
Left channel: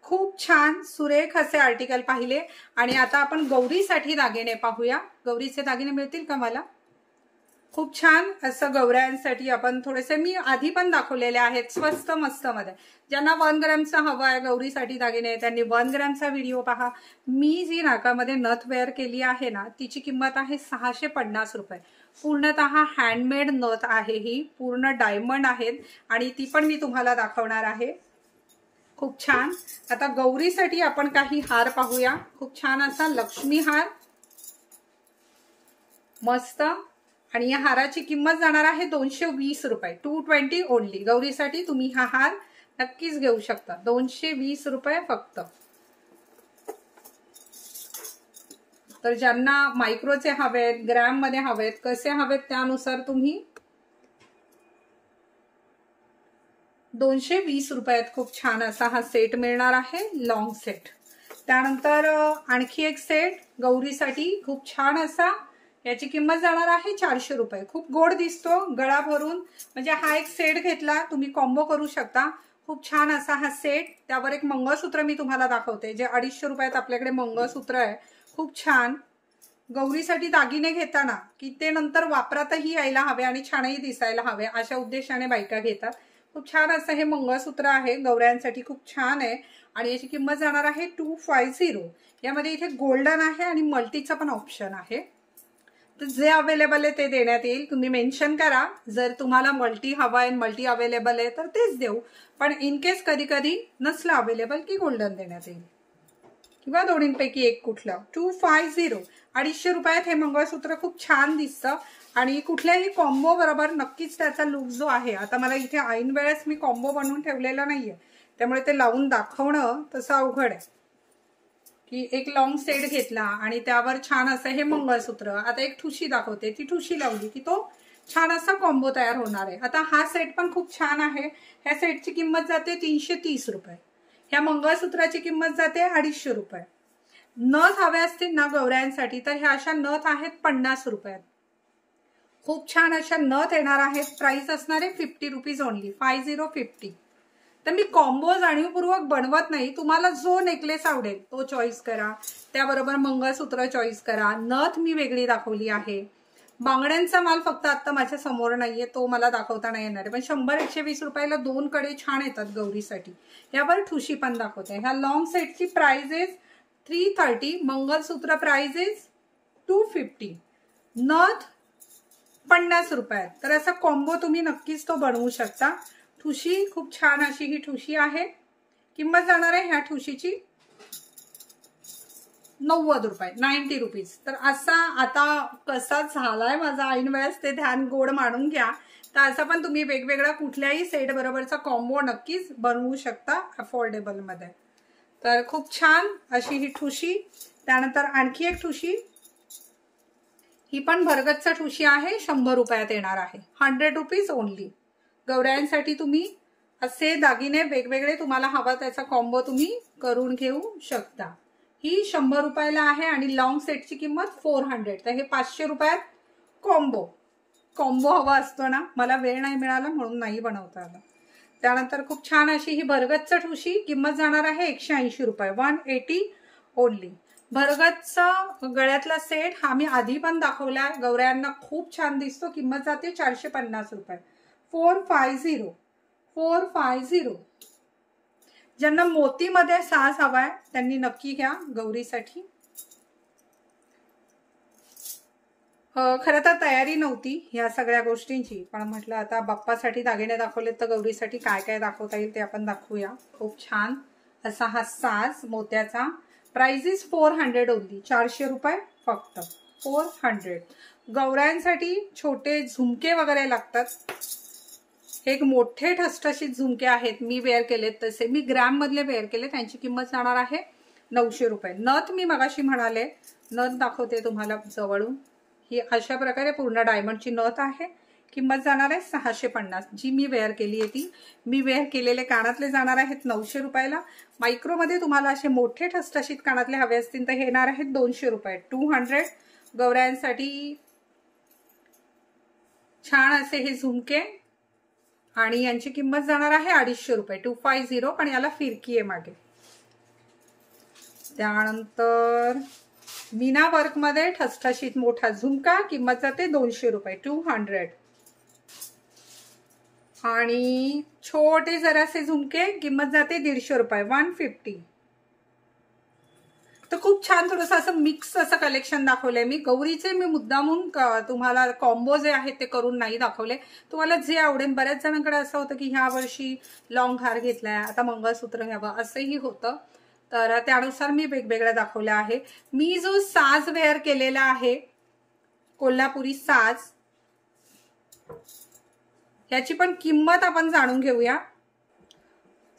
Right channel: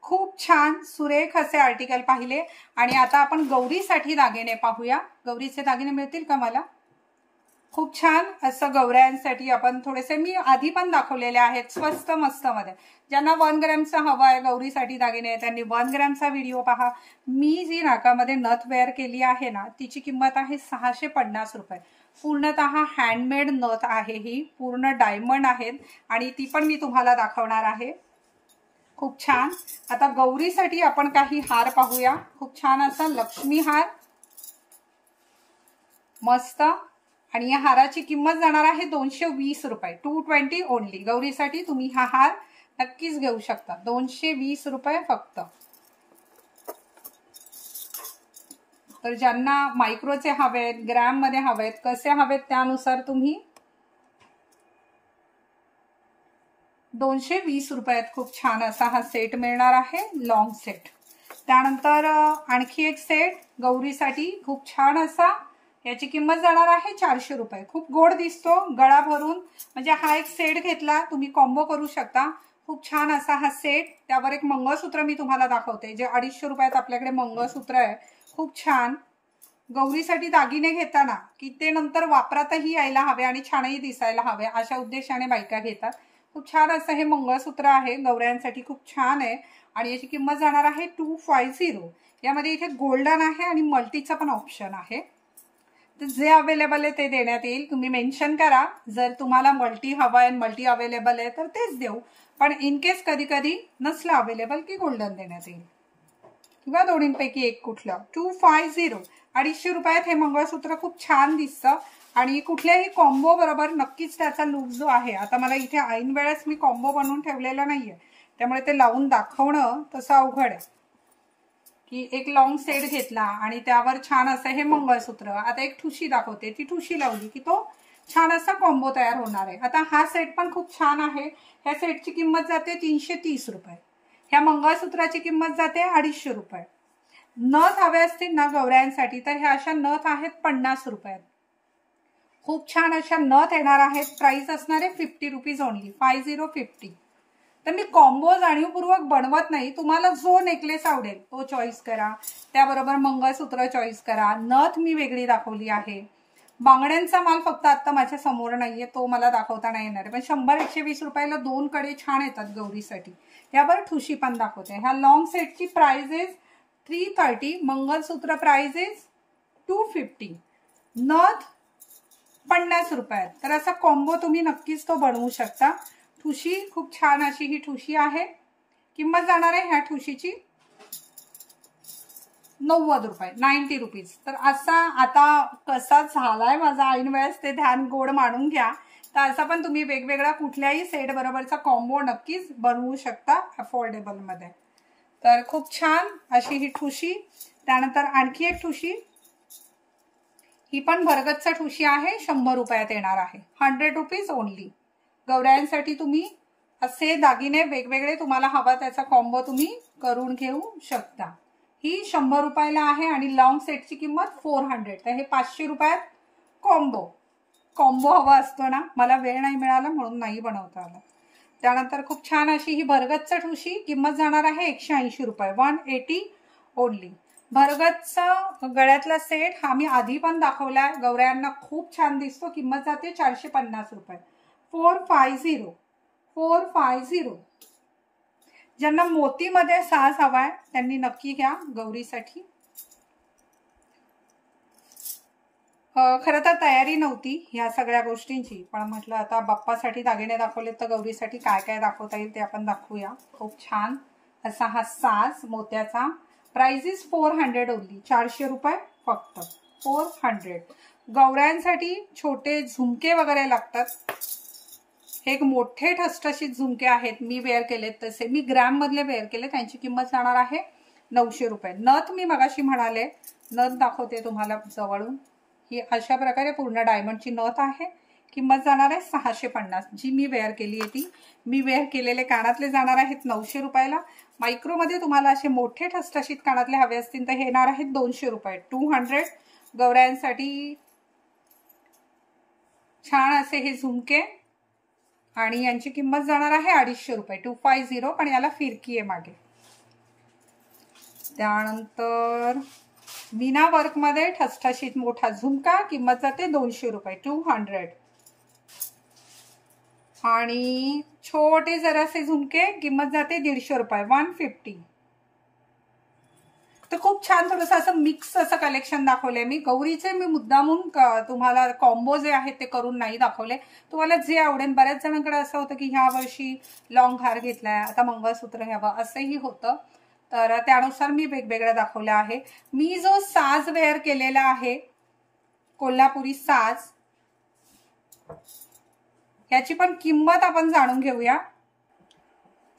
खूप छान सुरेख असे आर्टिकल पाहिले. आणि आता आपण गौरीसाठी दागिने पाहूया. गौरीचे दागिने मिळतील का मला? खूप छान असं गौऱ्यांसाठी आपण थोडेसे मी आधी पण दाखवलेले आहेत स्वस्त मस्त मध्ये. ज्यांना 1 ग्रॅमचा हवा आहे गौरीसाठी दागिने त्यांनी 1 ग्रॅमचा व्हिडिओ पहा. मी जी नाकामध्ये नथ वेअर केली आहे ना तिची किंमत आहे 650 रुपये. पूर्णतः हँडमेड नथ आहे ही, पूर्ण डायमंड आहेत आणि ती पण मी तुम्हाला दाखवणार आहे. खूप छान. आता गौरीसाठी आपण काही हार पाहूया. खूप छान असा लक्ष्मी हार मस्त, आणि या हाराची किंमत जाणार आहे 220 रुपये. 220 ओनली. गौरीसाठी तुम्ही हा हार नक्कीच घेऊ शकता. 220 रुपये फक्त. तर ज्यांना मायक्रोचे हवेत, ग्रॅम मध्ये हवेत, कसे हवेत त्यानुसार तुम्ही 220 रुपयात खूप छान असा हा सेट मिळणार आहे, लॉंग सेट. त्यानंतर आणखी एक सेट गौरीसाठी खूप छान असा, याची किंमत जाणार आहे 400 रुपये. खूप गोड दिसतो गळा भरून, म्हणजे हा एक सेट घेतला तुम्ही कॉम्बो करू शकता. खूप छान असा हा सेट. त्यावर एक मंगळसूत्र मी तुम्हाला दाखवते जे 250 रुपयात आपल्याकडे मंगळसूत्र आहे. खूप छान. गौरीसाठी दागिने घेताना की ते नंतर वापरातही यायला हवे आणि छानही दिसायला हवे अशा उद्देशाने बायका घेतात. खूप छान असं हे मंगळसूत्र आहे गौऱ्यांसाठी. खूप छान आहे आणि याची किंमत जाणार आहे 250. यामध्ये इथे गोल्डन आहे आणि मल्टीचा पण ऑप्शन आहे. तर जे अवेलेबल आहे ते देण्यात येईल. तुम्ही मेन्शन करा जर तुम्हाला मल्टी हवा आहे, मल्टी अवेलेबल आहे तर तेच देऊ. पण इन केस कधी कधी नसलं अवेलेबल की गोल्डन देण्यात येईल किंवा दोन्हींपैकी एक कुठलं. 250. 250 रुपयात हे मंगळसूत्र खूप छान दिसतं आणि कुठल्याही कॉम्बो बरोबर नक्कीच त्याचा लुक जो आहे. आता मला इथे ऐन वेळेस मी कॉम्बो बनवून ठेवलेला नाहीये त्यामुळे ते लावून दाखवणं तसं अवघड आहे की एक लॉंग सेट घेतला आणि त्यावर छान असं हे मंगळसूत्र. आता एक ठुशी दाखवते, ती ठुशी लावली की तो छान असा कॉम्बो तयार होणार आहे. आता हा सेट पण खूप छान आहे. ह्या सेटची किंमत जाते 330 रुपये. ह्या मंगळसूत्राची किंमत जाते 250 रुपये. नथ हवे असतील ना गौऱ्यांसाठी तर ह्या अशा नथ आहेत 50 रुपयात. खूप छान अशा नथ येणार आहेत. प्राइस असणार आहे 50 रुपीज ओनली. 50. तर मी कॉम्बो जाणीवपूर्वक बनवत नाही. तुम्हाला जो नेकलेस आवडेल तो चॉईस करा, त्याबरोबर मंगळसूत्र चॉईस करा. नथ मी वेगळी दाखवली आहे. बांगड्यांचा माल फक्त आता माझ्या समोर नाहीये, तो मला दाखवता नाही येणार आहे. पण 100-120 रुपयाला 2 कडे छान येतात गौरीसाठी. यावर ठुशी पण दाखवते. ह्या लॉंग सेटची price is 330. Mangalsutra price is 250. नथ 50 रुपयात. तर असा कॉम्बो तुम्ही नक्कीच तो बनवू शकता. ठुशी खूप छान अशी ही ठुशी आहे. किंमत जाणार आहे ह्या ठुशीची 90 रुपये. 90 रुपीज. तर असा आता कसा झालाय माझा ऐन वेळेस ते ध्यान गोड मानून घ्या. तर असं पण तुम्ही वेगवेगळा कुठल्याही सेट बरोबरचा कॉम्बो नक्कीच बनवू शकता अफोर्डेबल मध्ये. तर खूप छान अशी ही ठुशी. त्यानंतर आणखी एक ठुशी, ही पण भरगच्च ठुशी आहे. 100 रुपयात येणार आहे. 100 रुपीज ओनली. गौऱ्यांसाठी तुम्ही असे दागिने वेगवेगळे तुम्हाला हवा त्याचा कॉम्बो तुम्ही करून घेऊ शकता. ही 100 रुपयाला आहे आणि लॉंग सेटची किंमत 400. तर हे 500 रुपयात कॉम्बो हवा असतो ना, मला वेळ नाही मिळाला म्हणून नाही बनवता आला. त्यानंतर खूप छान अशी ही भरगच्च ठुशी. किंमत जाणार आहे 180 रुपये. 180 ओनली. भरगच्चा गळ्यातला सेट हा मी आधी पण दाखवलाय. गौऱ्यांना खूप छान दिसतो. किंमत जाते 450 रुपये. 450. ज्यांना मोतीमध्ये साज हवाय त्यांनी नक्की घ्या गौरीसाठी. खरं तर तयारी नव्हती ह्या सगळ्या गोष्टींची, पण म्हटलं आता बाप्पासाठी दागिने दाखवले तर गौरीसाठी काय काय दाखवता येईल ते आपण दाखवूया. खूप छान असा हा साज मोत्याचा. Price is 400 only. 400 रुपये फक्त. 400. गौऱ्यांसाठी छोटे झुमके वगैरे लागतात. हे एक मोठे ठसठशीत झुमके आहेत. मी वेअर केलेत तसे. मी ग्रॅम मधले वेअर केले. त्यांची किंमत जाणार आहे 900 रुपये. नथ मी मगाशी म्हणाले, नथ दाखवते तुम्हाला जवळून. ही अशा प्रकारे पूर्ण डायमंडची नथ आहे. किंमत जाणार आहे 650. जी मी वेअर केली आहे ती. मी वेअर केलेले कानातले जाणार आहेत 900 रुपयाला. मायक्रोमध्ये तुम्हाला असे मोठे ठसठशीत कानातले हवे असतील तर हे येणार आहेत 200 रुपये. 200. गौऱ्यांसाठी छान असे हे झुमके आणि यांची किंमत जाणार आहे 250 रुपये. 250. पण याला फिरकी आहे मागे. त्यानंतर मीना वर्क मध्ये ठसठशीत मोठा झुमका, किंमत जाते 200 रुपये, 200. आणि छोटे जरासे झुमके, किंमत जाते 150 रुपये, 150. तर खूप छान थोडंसं असं मिक्स असं कलेक्शन दाखवलंय मी. गौरीचे मी मुद्दामून तुम्हाला कॉम्बो जे आहेत ते करून नाही दाखवले. तुम्हाला जे आवडेल. बऱ्याच जणांकडे असं होतं की ह्या वर्षी लॉंग हार घेतलाय, आता मंगळसूत्र घ्यावं असंही होतं. तर त्यानुसार मी वेगवेगळ्या दाखवल्या आहे. मी जो साज वेअर केलेला आहे, कोल्हापुरी साज, याची पण किंमत आपण जाणून घेऊया.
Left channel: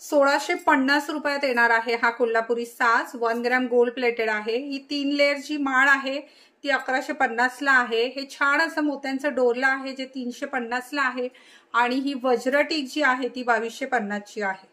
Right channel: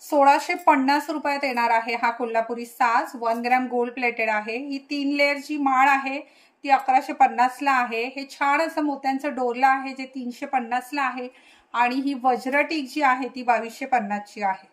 1650 रुपयात येणार आहे हा कोल्हापुरी साज. 1 ग्रॅम गोल्ड प्लेटेड आहे. ही 3 लेअरची माळ आहे, ती 1150 ला आहे. हे छान असं मोत्यांचं डोरलं आहे, जे 350 ला आहे. आणि ही वज्रटीक जी आहे ती 2250 ची आहे.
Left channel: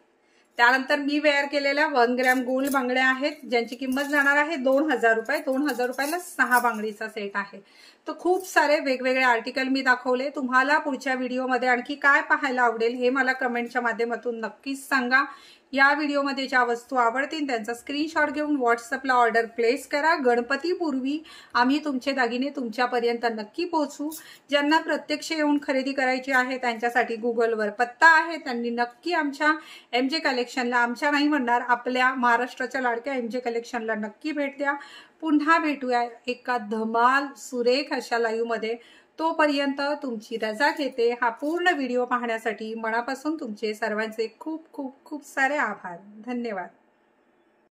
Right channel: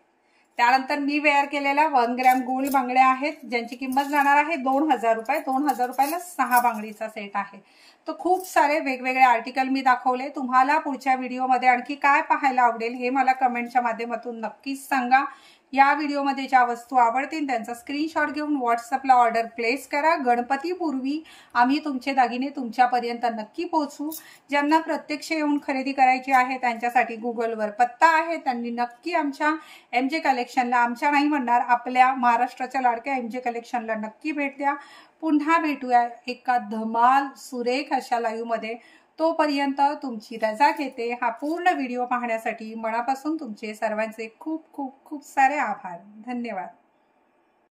त्यानंतर मी वेअर केलेल्या 1 ग्रॅम गोल्ड बांगड्या आहेत, ज्यांची किंमत जाणार आहे 2000 रुपये. 2000 रुपयाला 6 बांगडीचा सेट आहे. तर खूप सारे वेगवेगळे आर्टिकल मी दाखवले. तुम्हाला पुढच्या व्हिडिओमध्ये आणखी काय पाहायला आवडेल हे मला कमेंटच्या माध्यमातून नक्कीच सांगा. या व्हिडिओमध्ये ज्या वस्तू आवडतील त्यांचा स्क्रीनशॉट घेऊन व्हॉट्सअपला ऑर्डर प्लेस करा. गणपतीपूर्वी आम्ही तुमचे दागिने तुमच्यापर्यंत नक्की पोहोचू. ज्यांना प्रत्यक्ष येऊन खरेदी करायची आहे त्यांच्यासाठी गुगलवर पत्ता आहे, त्यांनी नक्की आमच्या MJ कलेक्शनला, आमच्या नाही म्हणणार, आपल्या महाराष्ट्राच्या लाडक्या MJ कलेक्शनला नक्की भेट द्या. पुन्हा भेटूया एका धमाल सुरेख अशा लाईव्ह मध्ये. तोपर्यंत तुमची रजा घेते. हा पूर्ण व्हिडिओ पाहण्यासाठी मनापासून तुमचे सर्वांचे खूप खूप खूप सारे आभार. धन्यवाद.